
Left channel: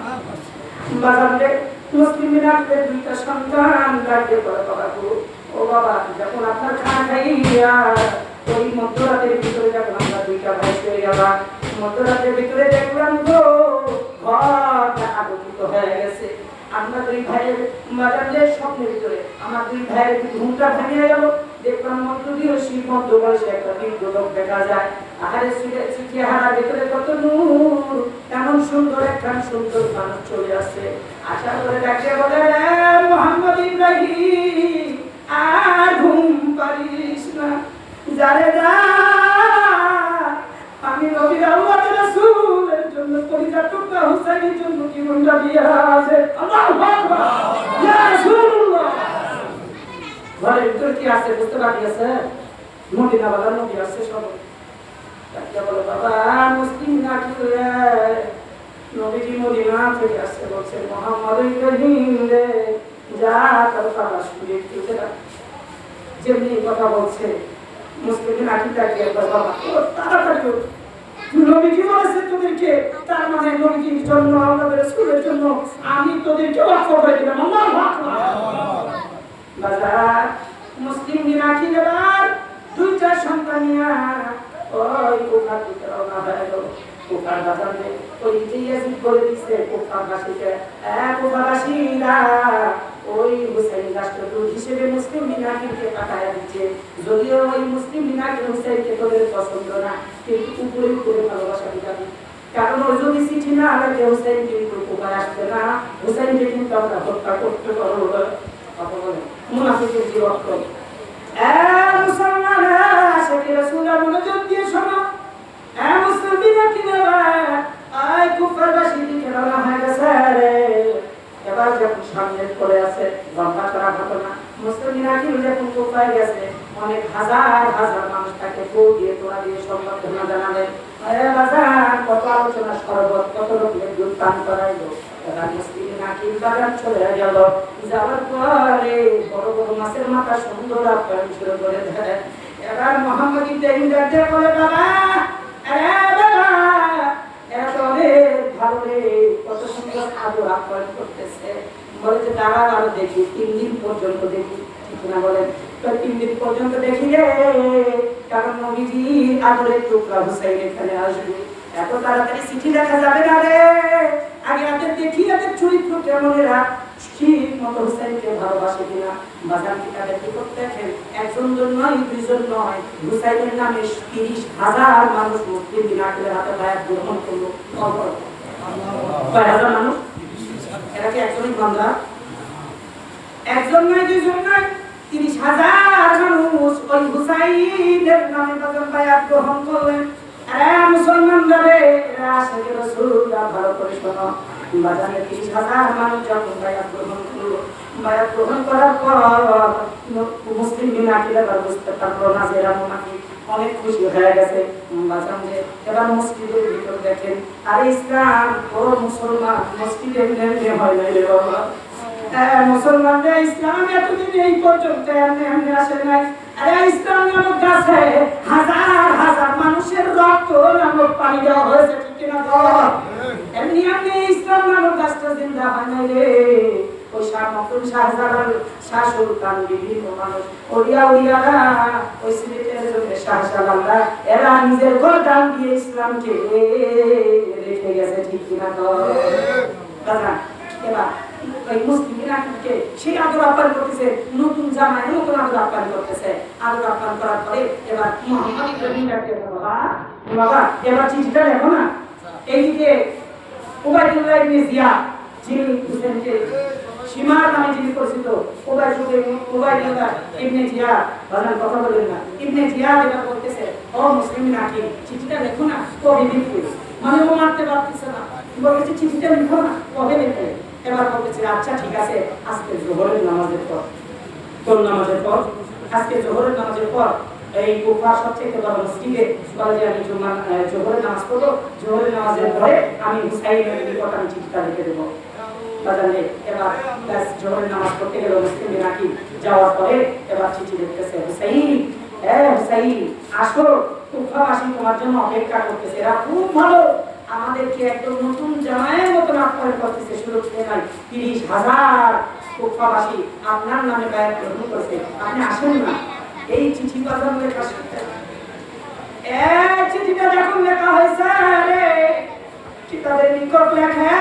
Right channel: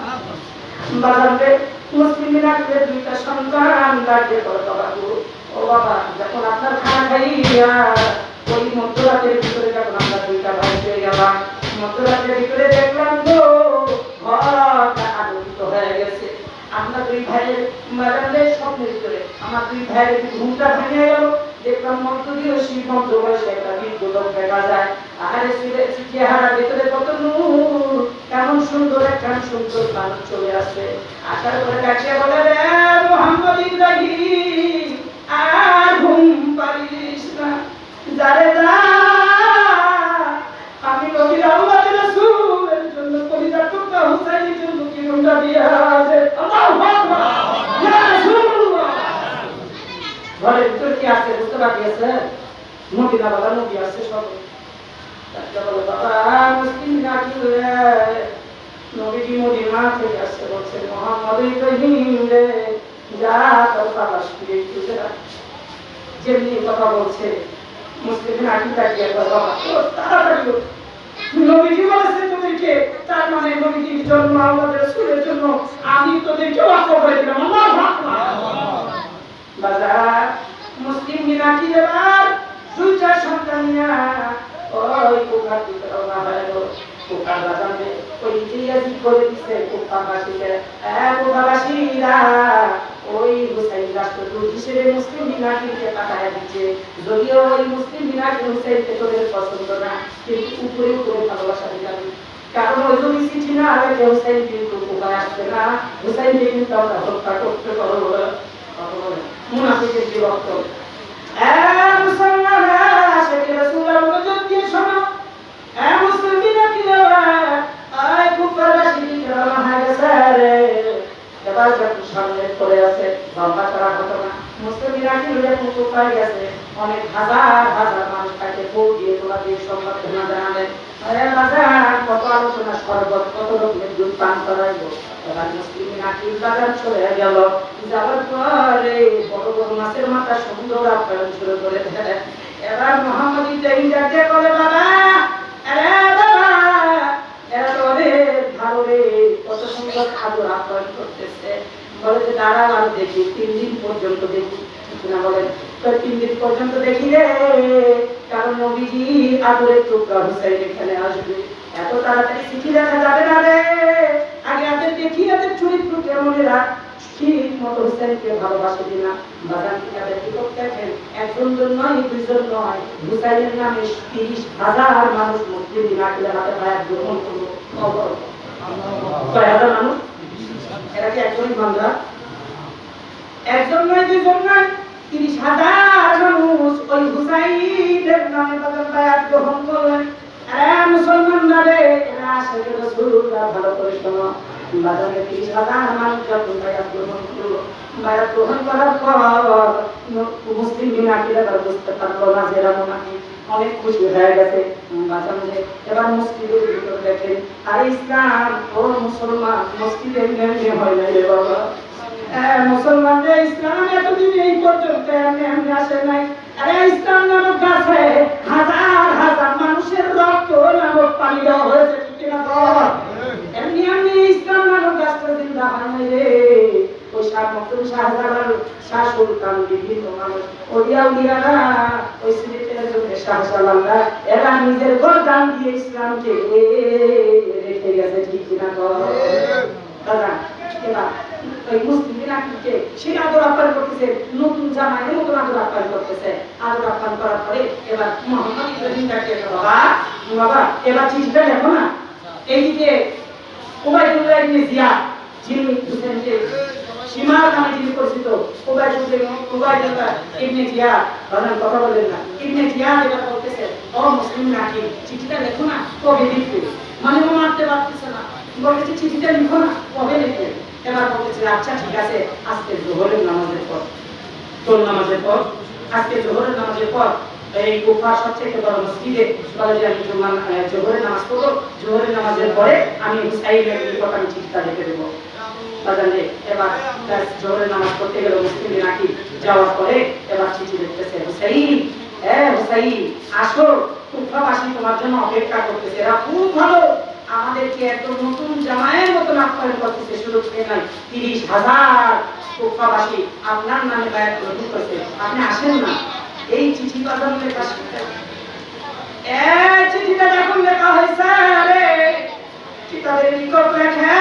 বাজান রে মুসলিমরা দুইটা সন্তান দাঁড়িয়ে করে বাবু ও বাবা যখন আপনার খানা খাইয়া ওই মধ্যরাতের ভিতরে যখন আমরা দুইটা ভাই পেয়ে গেলাম মধ্যরাতের ভিতরে দেখলাম গো ঘরটা আলোকিত হয়ে গেছে আপনার দুই ভাইয়ের বাজারের স্বপ্নের ভিতরে আমার দুই ভাইয়ের ঘুমটা ভেঙে গেল দেখলাম মধ্য দিয়ে শিল্পন্ত বয়সে একটা বিদ্যুৎ দেখা যায় আর চেহারা ভিতরে কত নূর এমন সুন্দর একটা সুন্দর মানুষ চলে আসে আশা করে দেখে বলে মুহাম্মদ ইব্রাহিম আর ঘুম পারিস না যারে যা আমি নবীর আল্লাহর রাসূলের জন্য কলিজা টুকরা হুসাইনের জন্য জীবনটা দিয়ে আছে আল্লাহু আকবার ইয়া রাসূলুল্লাহ ঘরের ভিতর কি আছে বুঝতে পারছিস নবী না বাবা নবী আছে সব তাকে বলো বাবা মুসলিম না কি নবীজি মদিনা থেকে আসছে বলছে মুহাম্মদ ইব্রাহিম রে যা তোর বাবা শুয়ে উঠে যেমনি কথা বলছে মুসলিমের আকিদা কি বাবা তাড়াতাড়ি নবীজি বলেছে তোদেরকে তার মানে নবীজির জন্য আল্লাহর রাসূলের জন্য আমি তোদেরকে ওয়াক্ফ করে দিলাম আল্লাহু আকবার বাজার মুসলিম মিনাকিরার দুইটা সন্তান নিয়ে ওই কোকার দিকে রওনা হয়ে গেল কোকার বাজারে ওই জিয়াজিদ করে দিছে কোকার বাসীকে কোকার বাসীরা ওই হুসাইন রাষ্ট্রদূত হিসেবে মুসলিম মিনাকিরকে তাকায়া দিচ্ছে যদিও ওই মুসলিম মিনাকির হুসাইনকে তোদের পছন্দ না কিন্তু উপরে উপরে ভালোবাসা দিলাম কারণ ওই যদি চিঠি না আগে হুসাইন কিন্তু কোকায় আসবে না হুসাইনকে কিন্তু আমরা হত্যা করতে পারবো মুনাফিকের কি রক্ত মুসলমান আশিকে রাসূলের মনোযোগ দিয়ে শোনো মুসলিমিনা কি দেবা আয় কুফার বাসী কেমন হয়ে গেছে রে এবার যখন সামনে পড়ে আছে লম্বা করা ঘটনা মুসলিমিনা কি যখন কুফায় গেছে অনেক হাজার হাজার মানুষ তাকে ফোন দিয়ে তোলা দিয়ে সংবাদ জানালেন আরে বাজার কত আলোচনা শরবত কত রকমের দুধ পান করাইলো এবার মুসলিম নাকিল বাগান চলে গেল যাওয়ার পরে বড় বড় মাছের মাথা সুন্দর আপ্যায়ন শুরু করে দেয় এবার মোহাম্মদ ইব্রাহিম ডাকতে বলে বাবা আরে বাবা এরা তো ভালো রে কত সুন্দর খাবার আপ্যায়ন করতেছে বলে যে দাঁড়া আর দেখি 3 দিন পর্যন্ত দেখি না বলেন তো 3 দিন পর্যন্ত দেখি রে কারণ নবীজি আদরের টুকরা হুসাইন এখানে আসবে এত তাড়াতাড়ি চিঠি লেখা যাবে না রে আগে আদের দেখি আদের চরিত্র কেমন এরা ঠিক মতো হুসাইনকে ভালোবাসে কিনা বাজার থেকে দেখি দেখেন একজন নয় দুইজন নয় হুসাইনের নামে 30,000 মানুষ মুসলিম দিন আকিলে হাতে বায়াত গ্রহণ করলো কয় হাজার মানুষ এরা কি একজনই বান্দা একজন নয় দুইজন নয় 30,000 মানুষ ওই হুসাইনের নামে বায়াত গ্রহণ করলেন আরে মুসলমানরা রে এরা আশিক রাসূলরা ভালো করে শোনো বাজারে 30,000 মানুষ যখন বায়াত গ্রহণ করার পর মুসলিম বিনাকিরা বুঝতে পারলো না যে এরা মুনাফিক অনেক খুশি হয়ে গেছে বাজান যে এবার মসজিদের ভিতর দেখেন আরে ইসলাম ও মুসলমান মসজিদের নেমে হয় না রে বাবা মুসলমানরা ইসলাম এতদিন এই পর্যন্ত এমনি আসে নাই আরে ইসলাম নামক গাছে হাজার হাজার মানুষের রক্ত নামক পানি দেওয়া হয়েছে ঠিক কিনা বল এমনি ইসলাম নামক গাছটা জিন্দা হয় নাই রে ওই শাহ মখদুম শাহজালাল শাহ সুলতান বিভিন্ন মানুষ ওলিয়ারা ওই স্মৃতির শাহজালালরা এরা নিজের গর্দান দিয়ে ইসলামকে রেখে গেছে ঠিক কিনা বল দাদা এবার ওই মুসলিমরা কি সেই আদর আপ্যায়ন করতেছে নতুন জামাইয়ের মতো আদর আপ্যায়ন করতেছে আদর আপ্যায়ন করার পরে এবার মুহাম্মদ ইব্রাহিম ডাকে বাবা এবার চিঠিটা লেখো না এইদিকে উবাইদুল্লাহ ইবনে জিয়াদ যিনি হোসেন যে সীমার নামে যিনি পরিচিত উবাইদুল্লাহ ইবনে জিয়াদ বাজান কথা বলেন না ইবনে জিয়াদ এটা বলতেছে ও মুসলিম নাকি চিঠিটা লেখো না কবে লিখবে মানে ও মারতে পারতেছে না বলতেছে চিঠিটা লিখো না কবে লিখবে এবার বলতেছে আচ্ছা ঠিক আছে আজকে জোহরের নামাজের পর তোর নামাজের পর আজকে জোহরের নামাজের পর এই কুফার সবচেয়ে বড় মসজিদে বলে যে আমি জোহরের নামাজ পড়ব জোহরের নামাজের পরে আমি হুসাইনের নিকট আমি চিঠিটা লিখে দেবো বাজারে এবার জোহরের নামাজ পড়তে গেল মুসলিম নাকি যাওয়ার পরে এবার চিঠি লিখতেছে হুসাইন হুসাইন আসো কুফাবাসী তোমার জন্য অপেক্ষা করতেছে এরা খুব ভালো আমাদেরকে একদম নতুন জামাইয়ের মতো আপ্যায়ন করতেছে শুধু নাই 30,000 কুফাবাসী আপনার নামে বায়াত গ্রহণ করেছে আপনি আসেন না এই চিঠি বাজানোর কাছে চিঠিটা যখন লেখা হয়েছে রে কিতাবের নিকট লেখা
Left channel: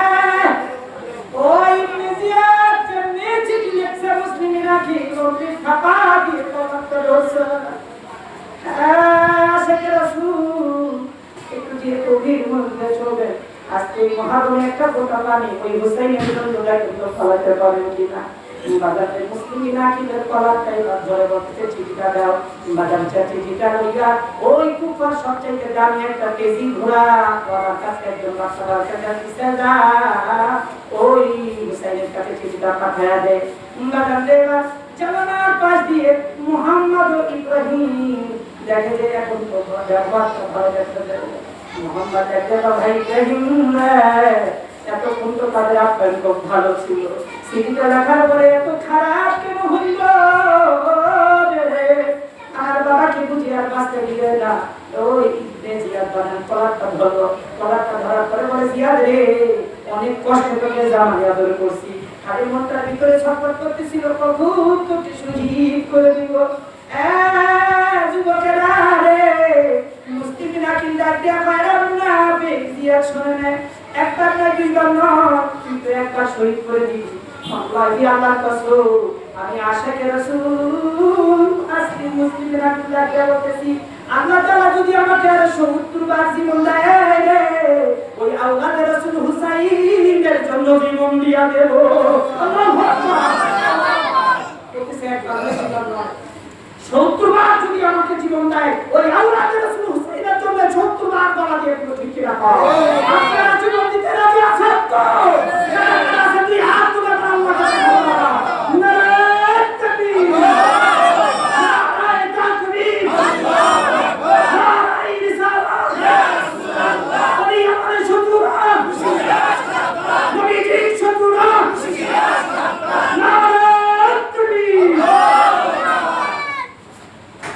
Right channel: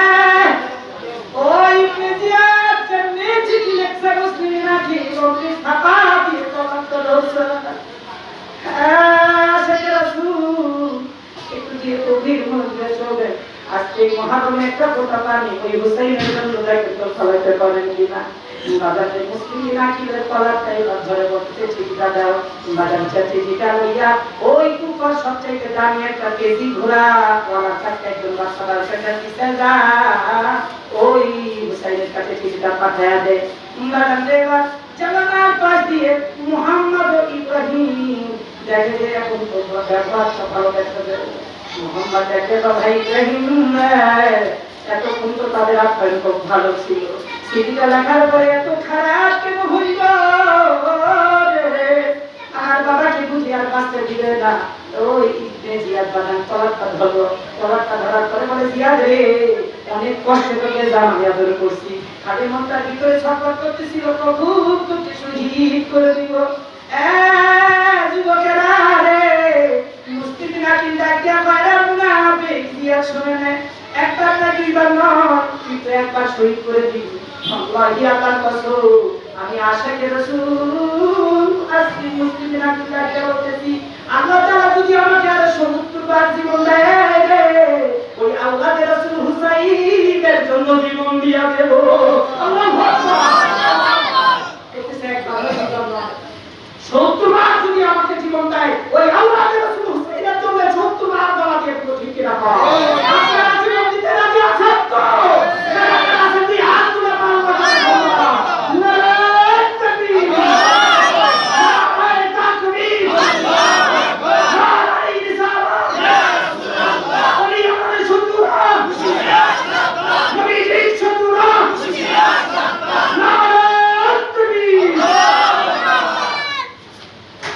ওই ইবনে জিয়াদ যেমনি চিঠি লেখছে মুসলিম নাকি ওই ছাপা দিয়ে কত রয়েছে আশিক রাসূল একটু দিয়ে গভীর মনোযোগে চলবে আজকে মহারমে একটা ফোঁটা পানি ওই হুসাইনের জন্য একটু ফলাতে পারেন কিনা বাজারে মুসলিম নাকি বলে কলাটাই ধরে বলতে চিঠিটা দাও বাজার চিঠিটা লইয়া ওই কুফার সবচাইতে দামি একটা কেজি ঘোড়া ওরা কাছে একজন বাচ্চার কাছে দিতে যা ওই হুসাইনের কাছে চিঠিটা পাঠায়া দে বাজারে এবার জানালার পাশ দিয়ে মুহাম্মদ ইব্রাহিম দেখে যে এখন তো ব্যবহারটা ভালো দেখতে মুহাম্মদ দেখে ভাই ইব্রাহিম এতক্ষণ তো তাদের আপ্যায়ন খুব ভালো ছিল চিঠিটা লেখার পরে এত খারাপ কেন হইল আর বাবাকে বুঝি আর বাঁচতে দিবে না ওই ইবনে জিয়াদ বাজান কলারটা ধরলো কলারটা ধরার পরে বলে জিয়াদ রে অনেক কষ্ট করে জামাই আদর করছি খালি মনটার ভিতরে ছটফট করতেছিল কখন তোকে শহীদ করে দিব যুবকেরা রে মুসলিম নাকি ডাকিয়া পায়রা মুনাফিক জিয়াদ শুনে নেয় একবার না দুইবার নয় কিন্তু একবার শহীদ করে দিবি আল্লাহি আল্লাহর কসম আমি আশিক রাসূল আজকে মুসলিম নাকি ডাকিয়া বলতেছি আল্লাহ তাআলা যদি আমাকে আর 70 বার জীবন দেয় রে ওই আওলাদে রাসূল হুসাইনের জন্য জীবন দিয়া দেব আল্লাহু আকবার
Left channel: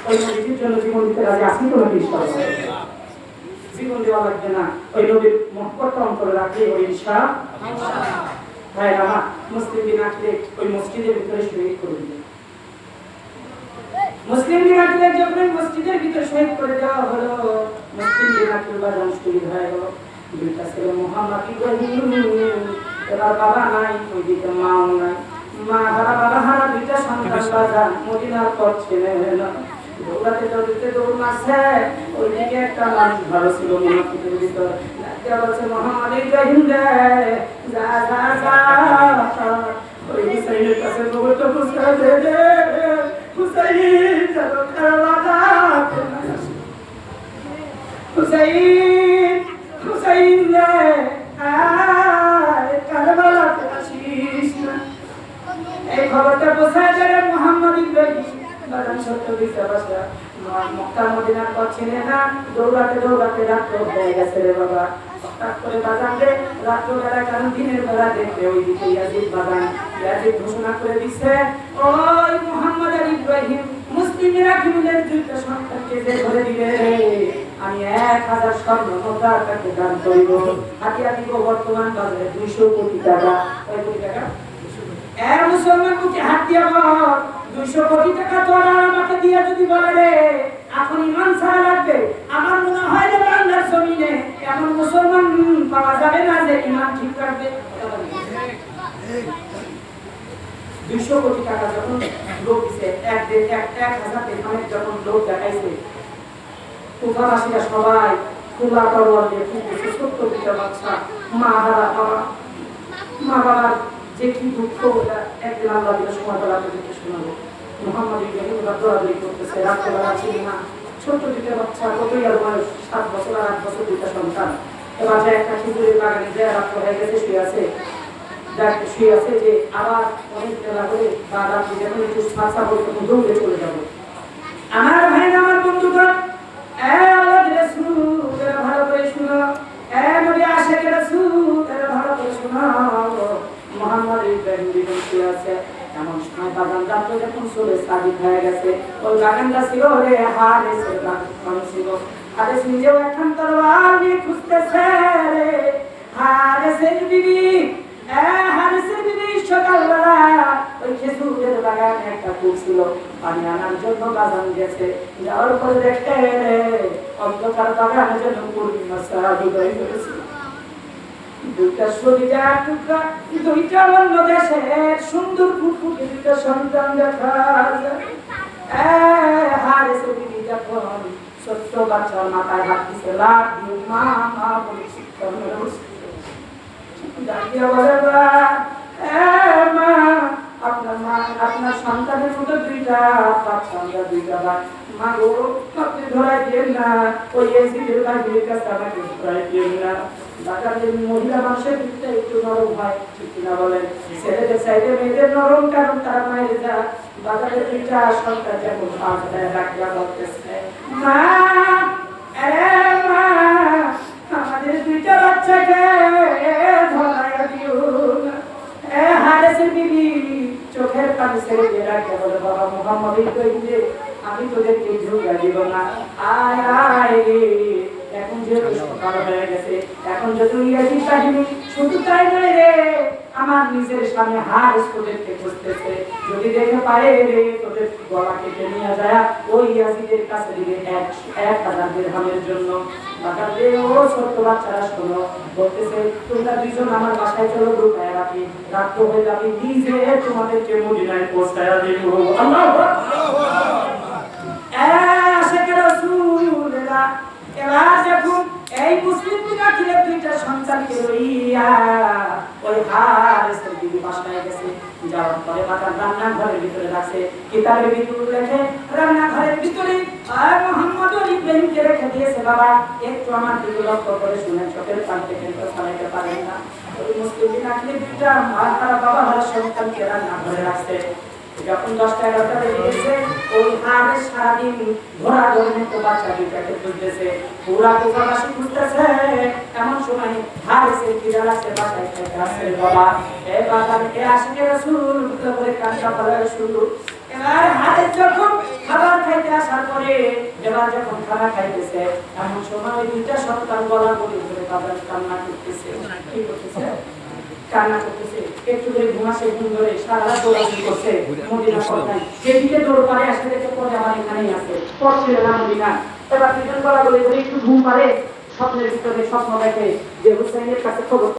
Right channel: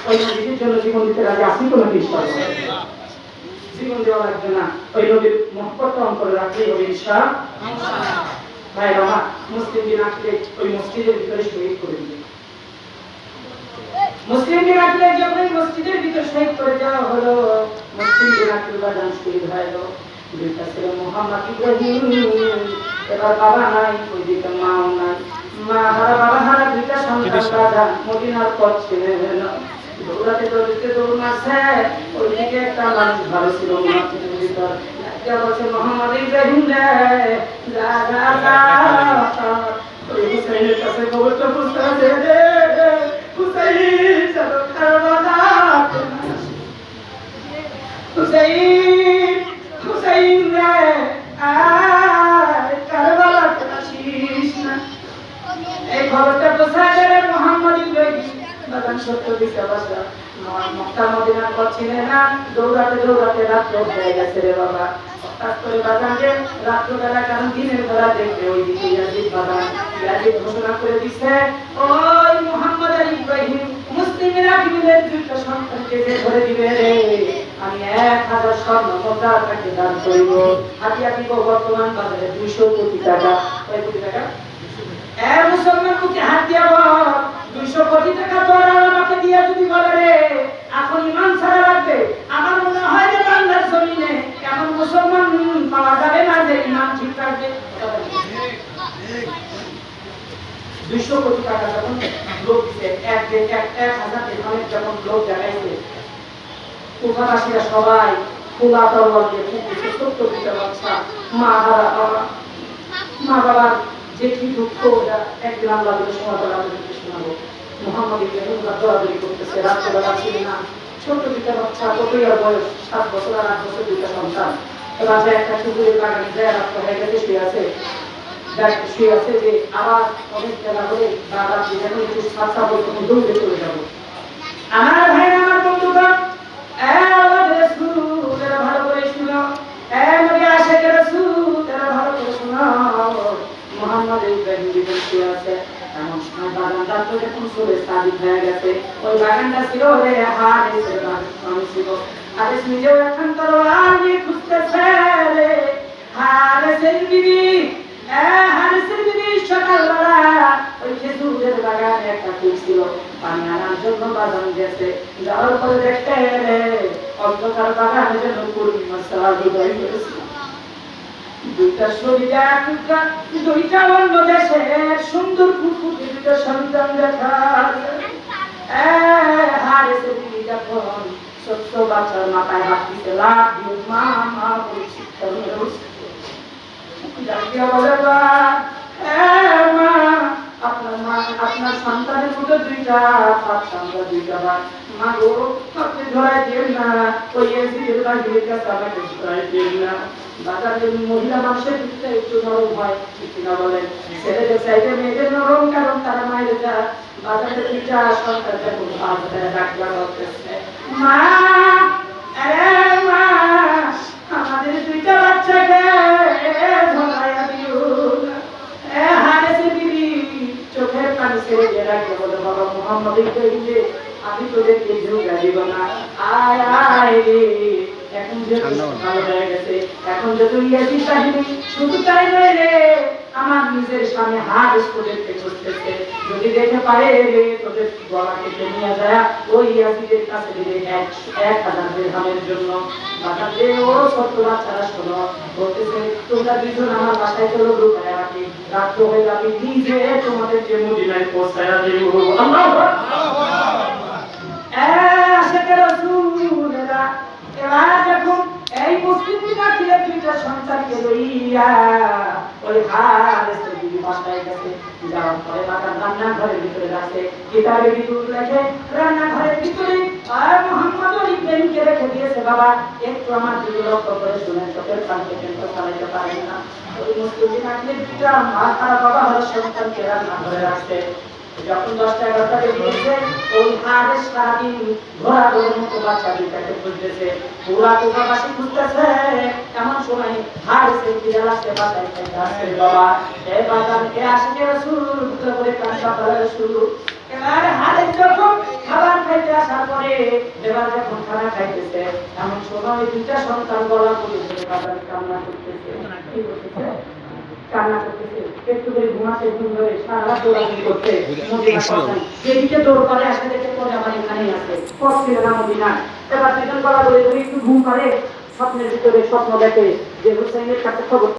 ওই নবীর জন্য জীবন দিতে রাজি আসি তো নাকি ইনশাআল্লাহ? জীবন দেওয়া লাগবে না, ওই নবীর মহব্বত অন্তরে রাখলে ওই ইনশাআল্লাহ। ভাই আমার মুসলিমদের রাখলে ওই মসজিদের ভিতরে শহীদ করে দিবে। মুসলিমদের রাখলে যখন ওই মসজিদের ভিতরে শহীদ করে দেওয়া হলো, মুসলিমদের রাখলে বাজান শহীদ হয়ে গেল। দুইটা ছেলে মোহাম্মদ ইব্রাহিম, এবার বাবা নাই, ওইদিকে মাও নাই, মা হারা বাবা হারা দুইটা সন্তান বাজান মদিনার পথ ছিলেন। দৌড়াতে দৌড়াতে দৌড় মারছে, ওইদিকে একটা মানুষ ভালো ছিল মুনাফিকের ভিতর, বলছে মোহাম্মদ ইব্রাহিম রে যা যা যা, ওই হুসাইনের কাছে খবরটা পৌঁছে দে দে, হুসাইন চলো কারবালা, হুসাইন হুসাইন রে আয় কারবালাতে আসিস না। এই খবরটা পৌঁছে দে মোহাম্মদ ইব্রাহিম। বাগান সত্য দিকে বসা মক্কা মদিনার পথ ছিলেন না, দৌড়াতে দৌড়াতে রাত্র হয়ে গেছে রে বাবা। হঠাৎ করে বাগানে রাত্রবেলা কারণ দিনের বেলা দেখবে ওই দিকে ইয়াজিদ বাগান, ইয়াজিদ ঘোষণা করে দিছে ওই মোহাম্মদ আলী ইব্রাহিম মুসলিমেরা কিমিনের দুইটা সন্তানকে যে ধরে দিবে রে, আমি 1000 স্বর্ণ মুদ্রা তাকে দান করিব। হাতিয়া দিব বর্তমান বাজারে 200 কোটি টাকা। কয় কোটি টাকা? মুসলমান মুখে হাত দিয়া বল 200 কোটি টাকা তোরা আমাকে দিয়া যদি বলে রে এখন ইমান ছাড়া লাগবে, আমার মনে হয় যে বাংলার জমিনে এখন মুসলমান পাওয়া যাবে না যে ইমান ঠিক রাখবে। 200 কোটি টাকা যখন লোক দিছে, 1000 দিরহামের যখন লোক দেখাইছে, কুফারবাসীরা সবাই খোলা তরবারি দিয়ে খুঁজছে 70 কোটি বাচ্চা, মা হারা বাবা, মা বাবার যে কি দুঃখ, একদিন আল্লাহ দিল সময় তারা আমাদেরকে শোনাবো। মুহাম্মদ ইব্রাহিম দৌড়াদৌড়ি করতেছে, রাত্রেবেলা ছিল না, ছোট দুইটা বাচ্চা, কতই আর বয়স 7 বছর আর 8 বছর, দুইটা সন্তান। এবার যে একটা খেজুরের বাগানে যায় রাত্র হয়ে গেছে, শুয়ে আছে যে আবার অনেক বেলা করে বা রাত্রি যখন একটু সাঁচা বই তখন দৌড়ে চলে যাবো। আমার ভাই আমার বন্ধুগণ, আল্লাহ রাসূল এরা ভালো করে শুনো, নবী আশিকের রাসূল এরা ভালো করে শুনো। মুহাম্মদ ইব্রাহিম জীবন শুয়ে আছে, এমন সময় বাগানটা তো যখন চলে সাদিক হয়ে গেছে, ওই বাগানটা ছিল রে হারিসের বাগান ছিল। হারিস নিজেও এখন তরোয়াল নিয়ে খুঁজতেছে রে, হারিসের বিবি হারিসের বিবি সকালবেলা ওই খেজুরের বাগানে একটা কূপ ছিল, পানি আনার জন্য বাগান গেছে, যাওয়ার পরে দেখতে অন্ধকার বাগানের জন্য পূর্ণিমা সাহায্য হয়েছে। দুইটা শরীরে টুকরা, দুইটা অন্য দেশের সুন্দর ফুটফুটে দুইটা সন্তান দেখা যায়। হারিসের বিবি যখন ছোট্ট বাচ্চার মাথায় হাত দিছে, লাভ দিয়ে মা মা বলে শিক্ষা নিয়ে বসছে। আপনার সন্তানের মতো দুইটা বাচ্চা, আমরা দুইটা মা গো আপনি ধরাই দিন না, ওই এসিদের বাড়ির কাছে আমাকে ধরাই দিন না। বাজারের মহিলা মানুষের দিকটা একটু নরম হয়, ঠিক কিনা বলেন? ছেলেদের চাইতে মেয়েদের নরম, কারণ তার মায়ের যা বাজারের দুইটা সন্তান যখন বাজারে ডাক্তার বলতেছে মা, আরে মা আমাদের দুইটা বাচ্চাকে ধরাইয়া দিও না। হারিসের বিবি চোখের পানি ছেড়ে দিয়ে রাখতে বলে, বাবা মুহাম্মদ ইব্রাহিম রে আমি তোদেরকে ঝুঁকা দিব না, আয় আয় রে। এখন যে সকাল হয়ে গেছে, এখন যে তুই ইয়াজিদ বাহিনী, শুধু তাই নয় রে, আমার নিজের সামনে হারিস তোদেরকে খুঁজতেছে, যদি দেখে পারে রে তোদের গলা কেটে নিয়ে যায় ওই ইয়াজিদের কাছে দিবে 1000 দিরহামের জন্য। বাগাতে ও ছোট্ট বাচ্চারা শোনো, বলতেছে তোমরা দুইজন আমার বাসায় চলো, ঢুকায় রাখি, রাত্র হয়ে যাবে, নিজে তোমাদেরকে মদিনায় পৌঁছায় দিব। আল্লাহু আকবার। আশিকের রাসূলেরা এবার যখন এই মুসলিম বিনাকিলের দুইটা সন্তানকে লইয়া ওই হারিসের বিবি বাসায় গেছে, যাওয়ার পরে বাবা রান্নাঘরের ভিতরে রাখছে, কিতাবের ভিতরে রেখে রান্নাঘরের ভিতরে মুহাম্মদ ইব্রাহিমকে রেখে দিয়েছে। বাবা একটু আমার দিকে লক্ষ্য করে শুনেন, চোখের পান থেকে তো চালাইতে পারেন না। ওই মুসলিম বিনাকিলের দুইটা মাথা বাবা সন্তানকে রান্নাঘরে রাখছে। যখন 10টা-11টা বেজে গেছে, ওই হারিস সারাদিন ঘোরাঘুরির মতো বাচ্চা দুইটাকে খুঁজতেছে, পুরা কুফারবাসী খুঁজতেছে। এমন সময় হারিসের খিদে লাগছে, বাসায় খেতে আসছে। বাবা এই বাজারকে আশিকের রাসূল বুঝতে করে কান্না করা শুরু। এবার হারিস যখন খাবার খাইতে আসার পরে যখন খানা খাইতেছে এমন সময় ওই দুইটা সন্তান গলা বলে ধরে বাজার কান্না করতেছে। কি করতেছে? কান্না করতেছে। একটু করে ঘুমাসে, ঘুম ধরে সারা রাত দৌড়াদৌড়ি করছে। মদিনা পৌঁছায়। যেদিকে দৌড় পারে আসতে দেখে পরে আমার এখানেই আছে। পড়ছিল না মদিনা। এবার দুজন গলা ধরে একটু ঘুম পারে, স্বপ্নের ভিতরে স্বপ্ন দেখে যে হুসাইনের কাছে খবর